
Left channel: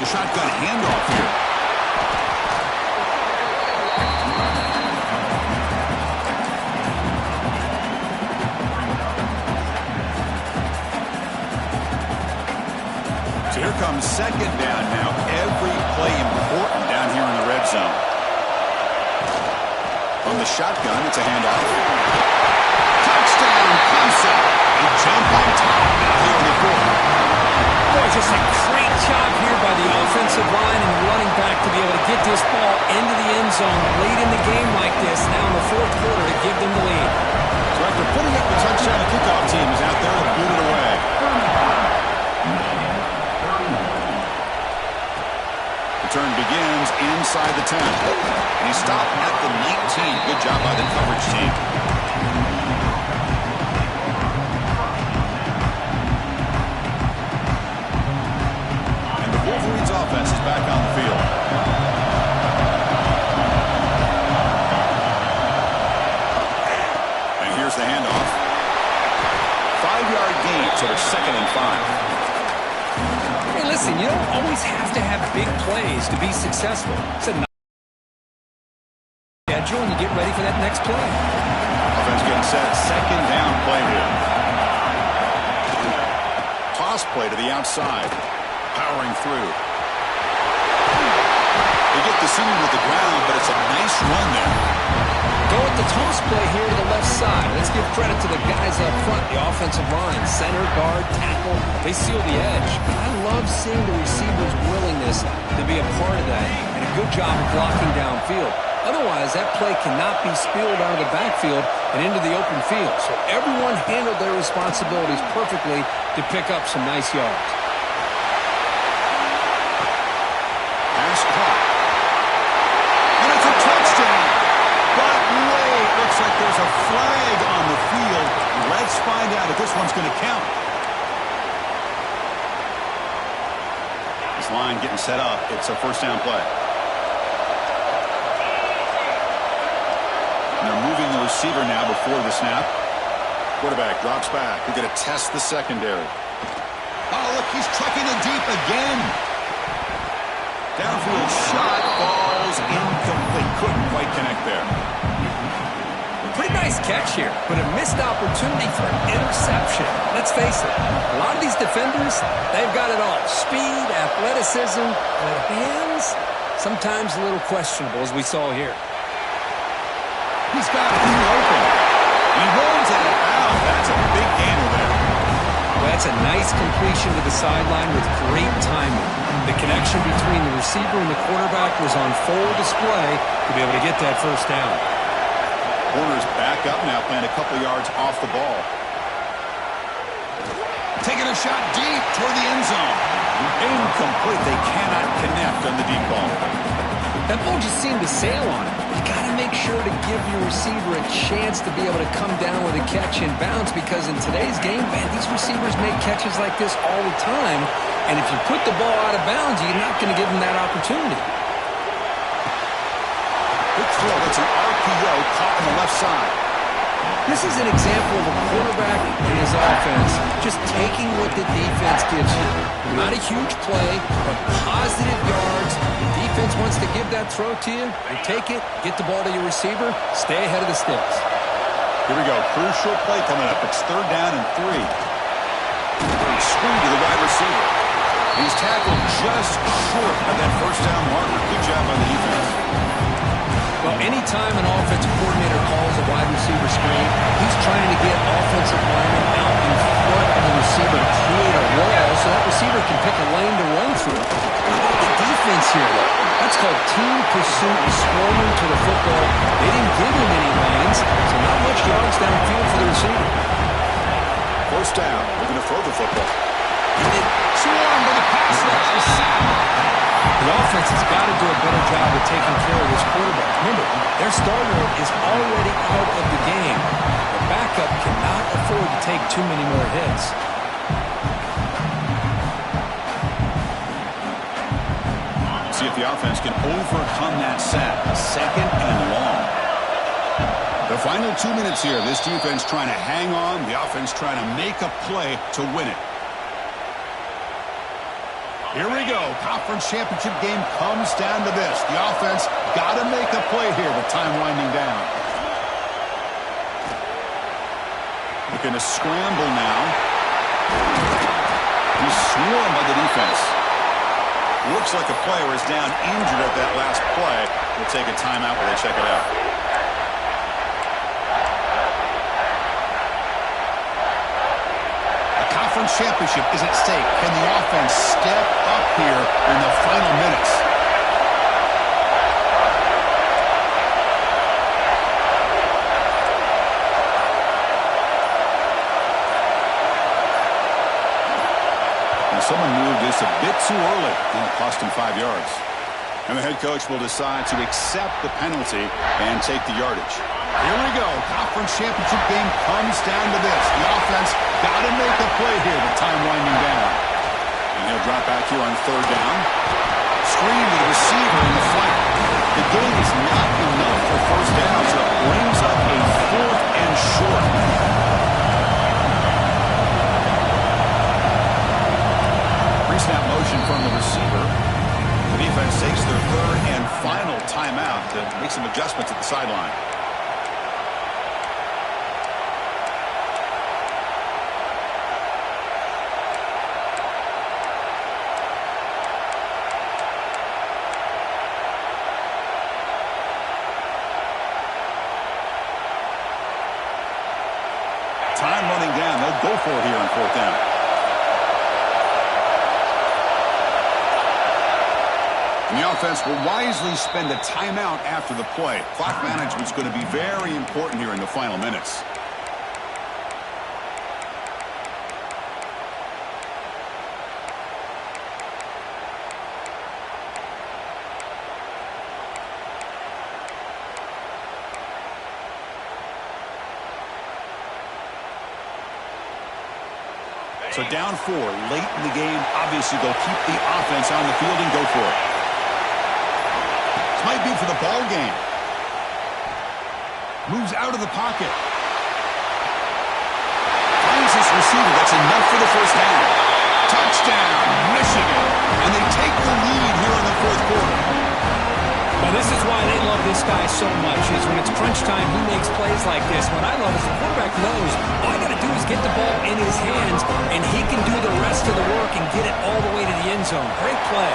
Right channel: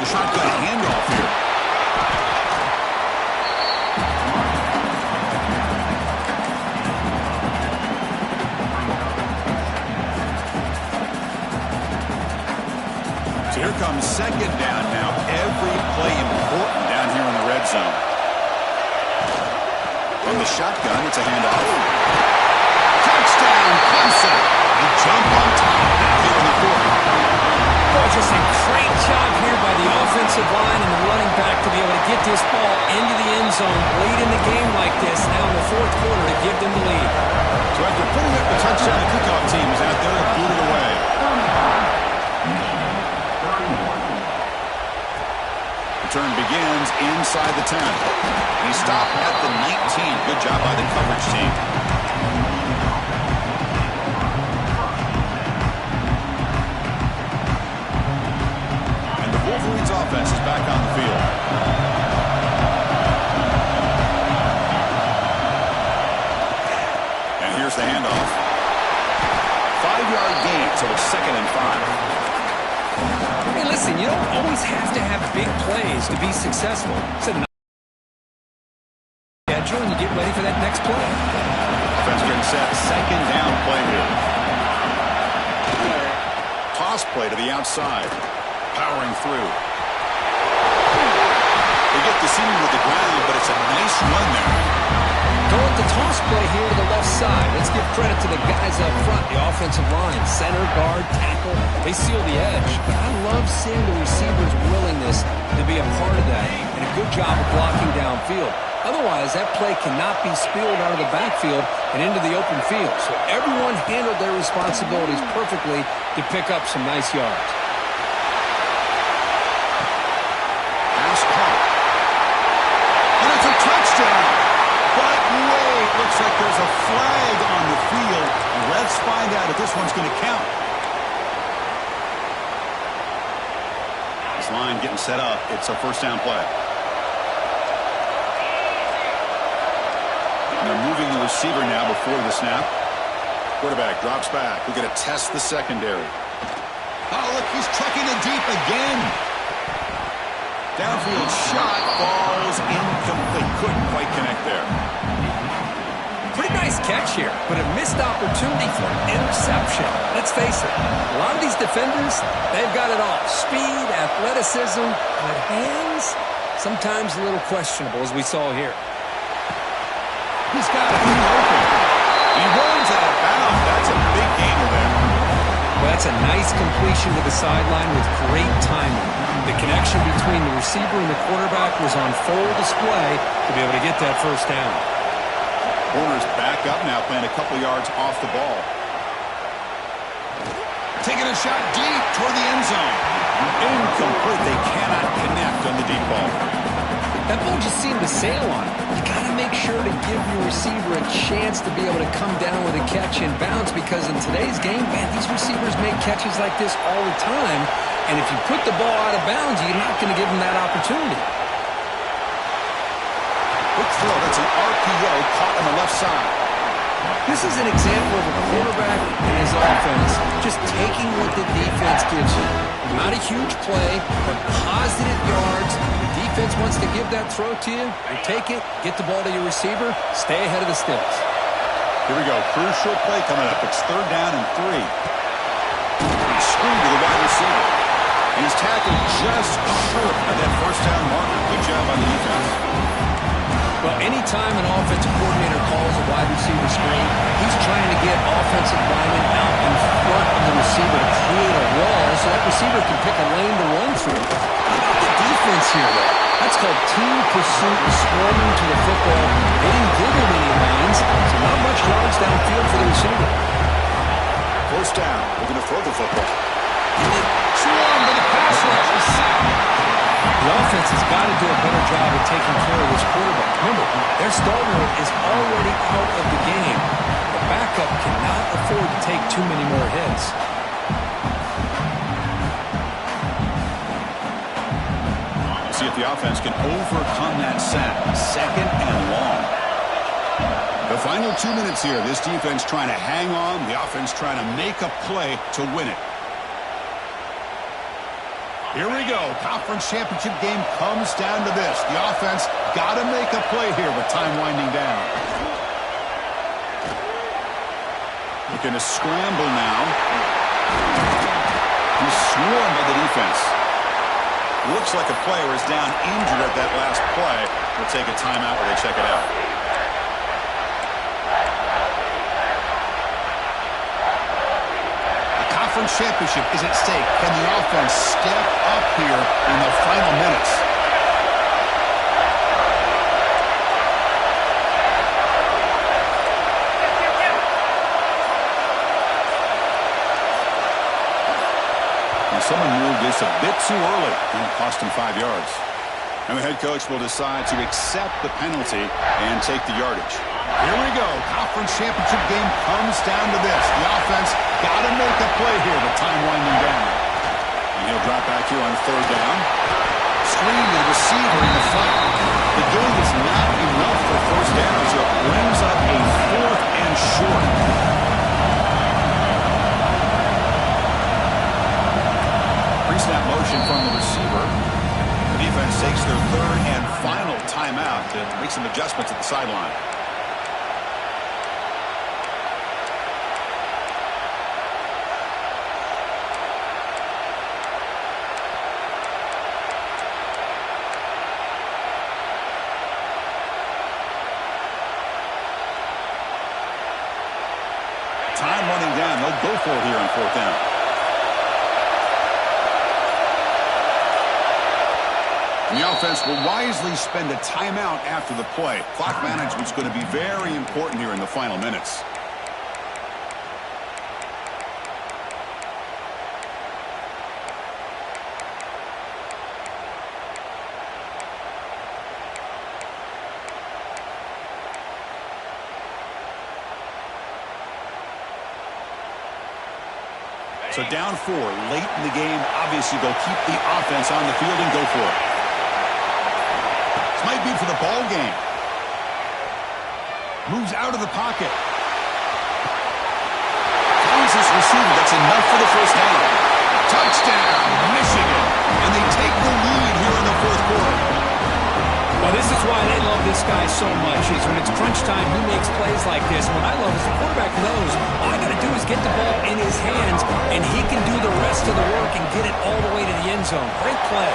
The shotgun handoff here. So here comes second down now. Every play important down here in the red zone. From the shotgun, it's a handoff. Touchdown, Clemson. They jump on top now here in the fourth. Boy, just a great job here by the offensive line and the running back to be able to get this ball into the end zone late in the game like this, now in the fourth quarter, to give them the lead. So after putting up the touchdown, the kickoff team is out there to boot it away. Return begins inside the 10. And he stopped at the 19. Good job by the coverage team. Wolverines offense is back on the field. And here's the handoff. 5-yard gain, so it's 2nd and 5. Hey, listen, you don't always have to have big plays to be successful. It's a nice schedule, and you get ready for that next play. Offense getting set. 2nd down play here. Toss play to the outside. Powering through. They get deceived with the ground, but it's a nice run there. Go with the toss play here to the left side. Let's give credit to the guys up front, the offensive line, center, guard, tackle. They seal the edge. But I love seeing the receiver's willingness to be a part of that and a good job of blocking downfield. Otherwise, that play cannot be spilled out of the backfield and into the open field. So everyone handled their responsibilities perfectly to pick up some nice yards. Pass caught. And it's a touchdown. But wait, looks like there's a flag on the field. Let's find out if this one's going to count. This line getting set up. It's a first down play. And they're moving the receiver now before the snap. Quarterback drops back. We're going to test the secondary. Oh, look, he's trucking it deep again. Downfield shot falls incomplete. Couldn't quite connect there. Pretty nice catch here, but a missed opportunity for an interception. Let's face it, a lot of these defenders, they've got it all. Speed, athleticism, but hands, sometimes a little questionable, as we saw here. He's got it. He's open. He runs out of bounds. That's a big gainer there. Well, that's a nice completion to the sideline with great timing. The connection between the receiver and the quarterback was on full display to be able to get that first down. Corner's back up now, playing a couple yards off the ball. Taking a shot deep toward the end zone. Incomplete. They cannot connect on the deep ball. That ball just seemed to sail on it. You got to make sure to give your receiver a chance to be able to come down with a catch and bounce, because in today's game, man, these receivers make catches like this all the time. And if you put the ball out of bounds, you're not going to give them that opportunity. Good throw. That's an RPO caught on the left side. This is an example of a quarterback and his offense just taking what the defense gives you. Not a huge play, but positive yards. The defense wants to give that throw to you. You take it, get the ball to your receiver, stay ahead of the sticks. Here we go. Crucial play coming up. It's 3rd down and 3. Screwed to the wide receiver. And he's tackled just short of that first down marker. Good job on the defense. Well, anytime an offensive coordinator calls a wide receiver screen, he's trying to get offensive linemen out in front of the receiver to create a wall so that receiver can pick a lane to run through. How about the defense here, though? That's called team pursuit and swarming to the football. They didn't give him any lanes, so not much yards downfield for the receiver. First down. Looking to throw the football. Swarmed by the pass rush. A sack. The offense has got to do a better job of taking care of this quarterback. Remember, their starter is already out of the game. The backup cannot afford to take too many more hits. See if the offense can overcome that sack. 2nd and long. The final 2 minutes here. This defense trying to hang on. The offense trying to make a play to win it. Here we go. Conference championship game comes down to this. The offense got to make a play here with time winding down. Looking to scramble now. He's swarmed by the defense. Looks like a player is down injured at that last play. We'll take a timeout while they check it out. Conference championship is at stake. Can the offense step up here in the final minutes? And someone moved this a bit too early, and it cost him 5 yards. And the head coach will decide to accept the penalty and take the yardage. Here we go. Conference championship game comes down to this. The offense got to make a play here with time winding down. And he'll drop back here on 3rd down. Screen to the receiver in the flat. The game is not enough for 1st down, so it brings up a 4th and short. Pre-snap motion from the receiver. The defense takes their 3rd and final timeout to make some adjustments at the sideline. Time running down. They'll go for it here on 4th down. And the offense will wisely spend a timeout after the play. Clock management's going to be very important here in the final minutes. So down 4, late in the game. Obviously, they'll keep the offense on the field and go for it. This might be for the ball game. Moves out of the pocket. Finds this receiver. That's enough for the 1st down. Touchdown, Michigan. And they take the lead here in the 4th quarter. Well, this is why they love this guy so much, is when it's crunch time, he makes plays like this. What I love is the quarterback knows all I got to do is get the ball in his hands, and he can do the rest of the work and get it all the way to the end zone. Great play.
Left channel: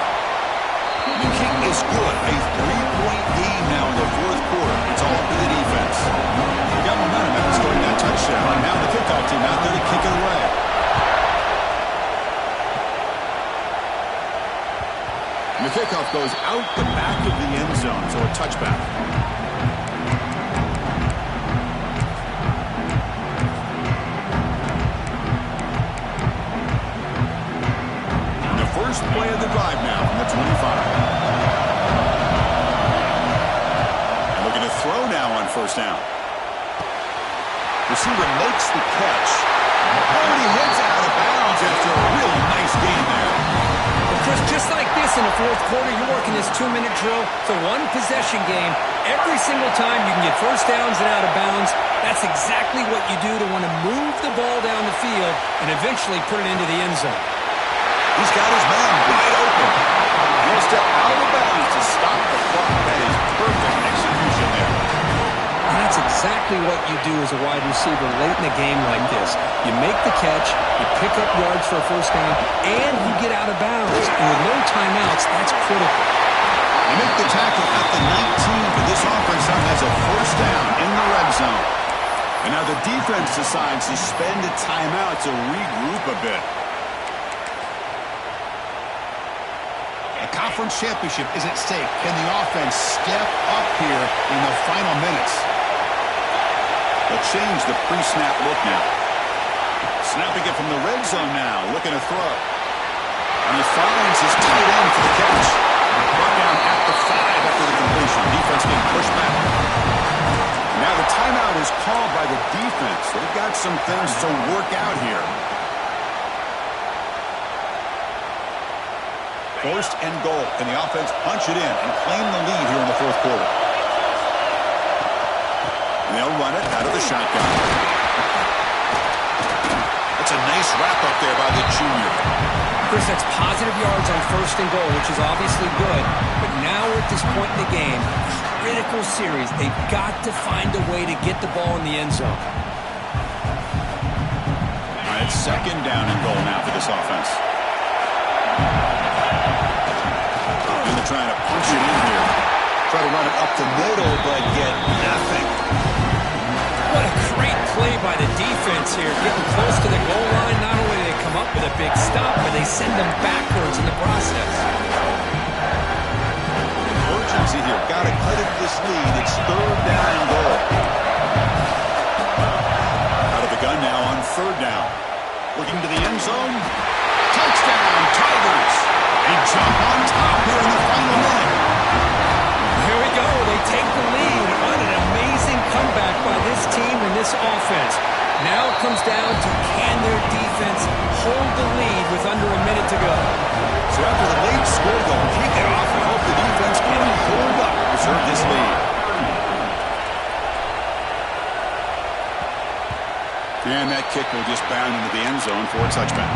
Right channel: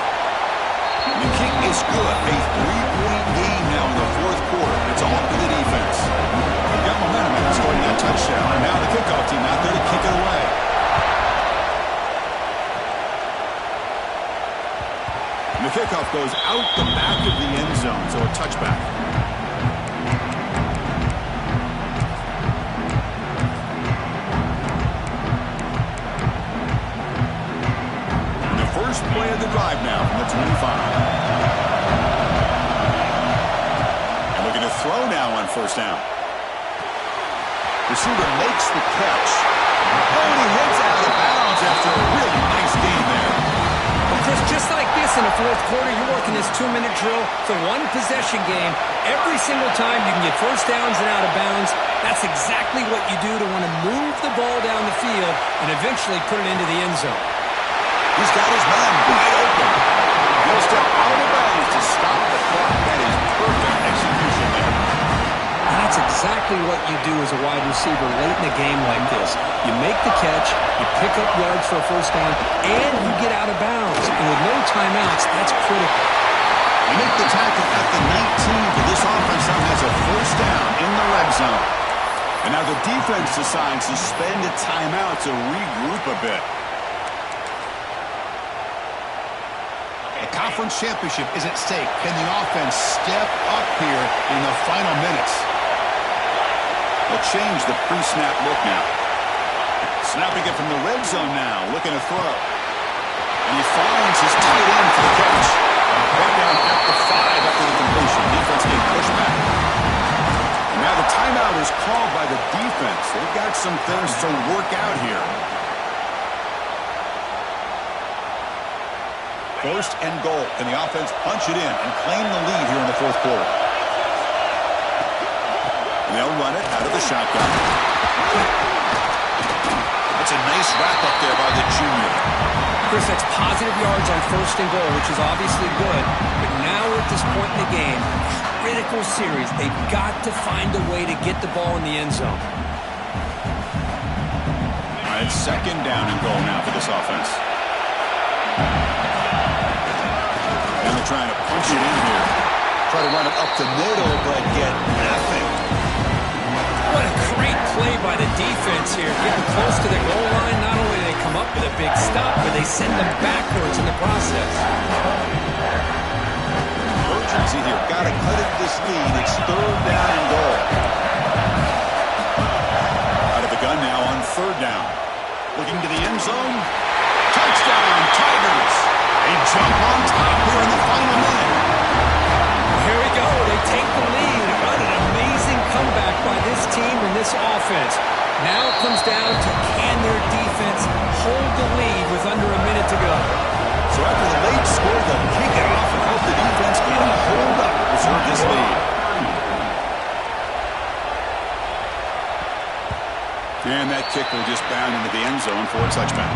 The kick is good. A 3-point game now in the 4th quarter. It's all up to the defense. They've got momentum after scoring that touchdown. Now the kickoff team out there to kick it away. And the kickoff goes out the back of the end zone, so a touchback. And the first play of the drive now from the 25. And looking to throw now on 1st down. Receiver makes the catch. Oh, and he heads out of bounds after a really nice gain there. Well, Chris, just like this in the 4th quarter, you're working this 2-minute drill. It's a 1-possession game. Every single time you can get 1st downs and out of bounds. That's exactly what you do to want to move the ball down the field and eventually put it into the end zone. He's got his man wide open. He'll step out of bounds to stop the clock. That is perfect execution there. And that's exactly what you do as a wide receiver late in a game like this. You make the catch, you pick up yards for a 1st down, and you get out of bounds. And with no timeouts, that's critical. You make the tackle at the 19, but this offense now has a 1st down in the red zone. And now the defense decides to spend a timeout to regroup a bit. A conference championship is at stake. Can the offense step up here in the final minutes? They'll change the pre-snap look now. Snapping it from the red zone now, looking to throw. And he finds his tight end for the catch. Brought down at the 5 after the completion. Defense getting pushed back. And now the timeout is called by the defense. They've got some things to work out here. First and goal. Can the offense punch it in and claim the lead here in the fourth quarter? And they'll run it out of the shotgun. That's a nice wrap up there by the junior. Chris, that's positive yards on first and goal, which is obviously good. But now we're at this point in the game, critical series. They've got to find a way to get the ball in the end zone. All right, second down and goal now for this offense. And they're trying to punch it in here. Try to run it up the middle, but get nothing. What a great play by the defense here. Getting close to the goal line, not only do they come up with a big stop, but they send them backwards in the process. Urgency here. Got to cut into this lead. It's third down and goal. Out of the gun now on third down. Looking to the end zone. Touchdown, Tigers. They jump on top here in the final minute. Here we go. They take the lead. What an amazing comeback by this team and this offense. Now it comes down to can their defense hold the lead with under a minute to go. So after the late score, they'll kick it off and hope the defense can hold up and preserve this lead. And that kick will just bound into the end zone for a touchback.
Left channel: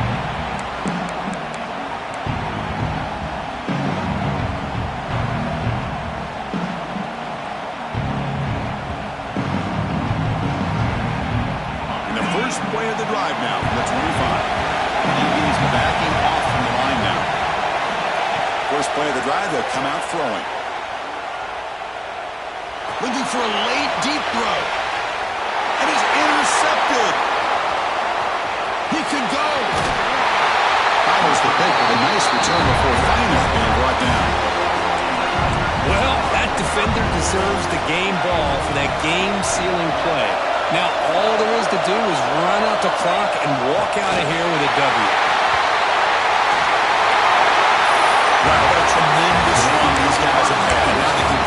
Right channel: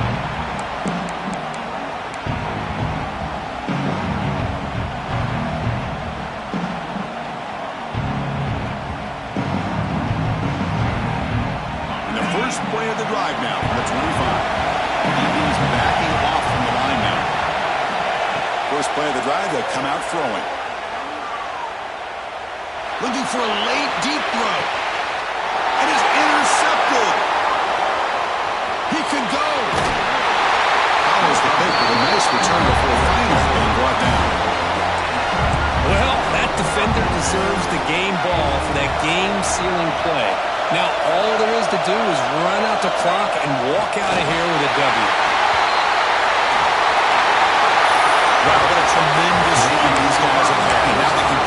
Play of the drive now from the 25. DB's backing off from the line now. First play of the drive, they'll come out throwing. Looking for a late deep throw. And is intercepted. He could go. Follows the pick with a nice return before finally being brought down. Well, that defender deserves the game ball for that game-sealing play. Now, all there is to do is run out the clock and walk out of here with a W. Wow, what a tremendous run these guys have had. And now they can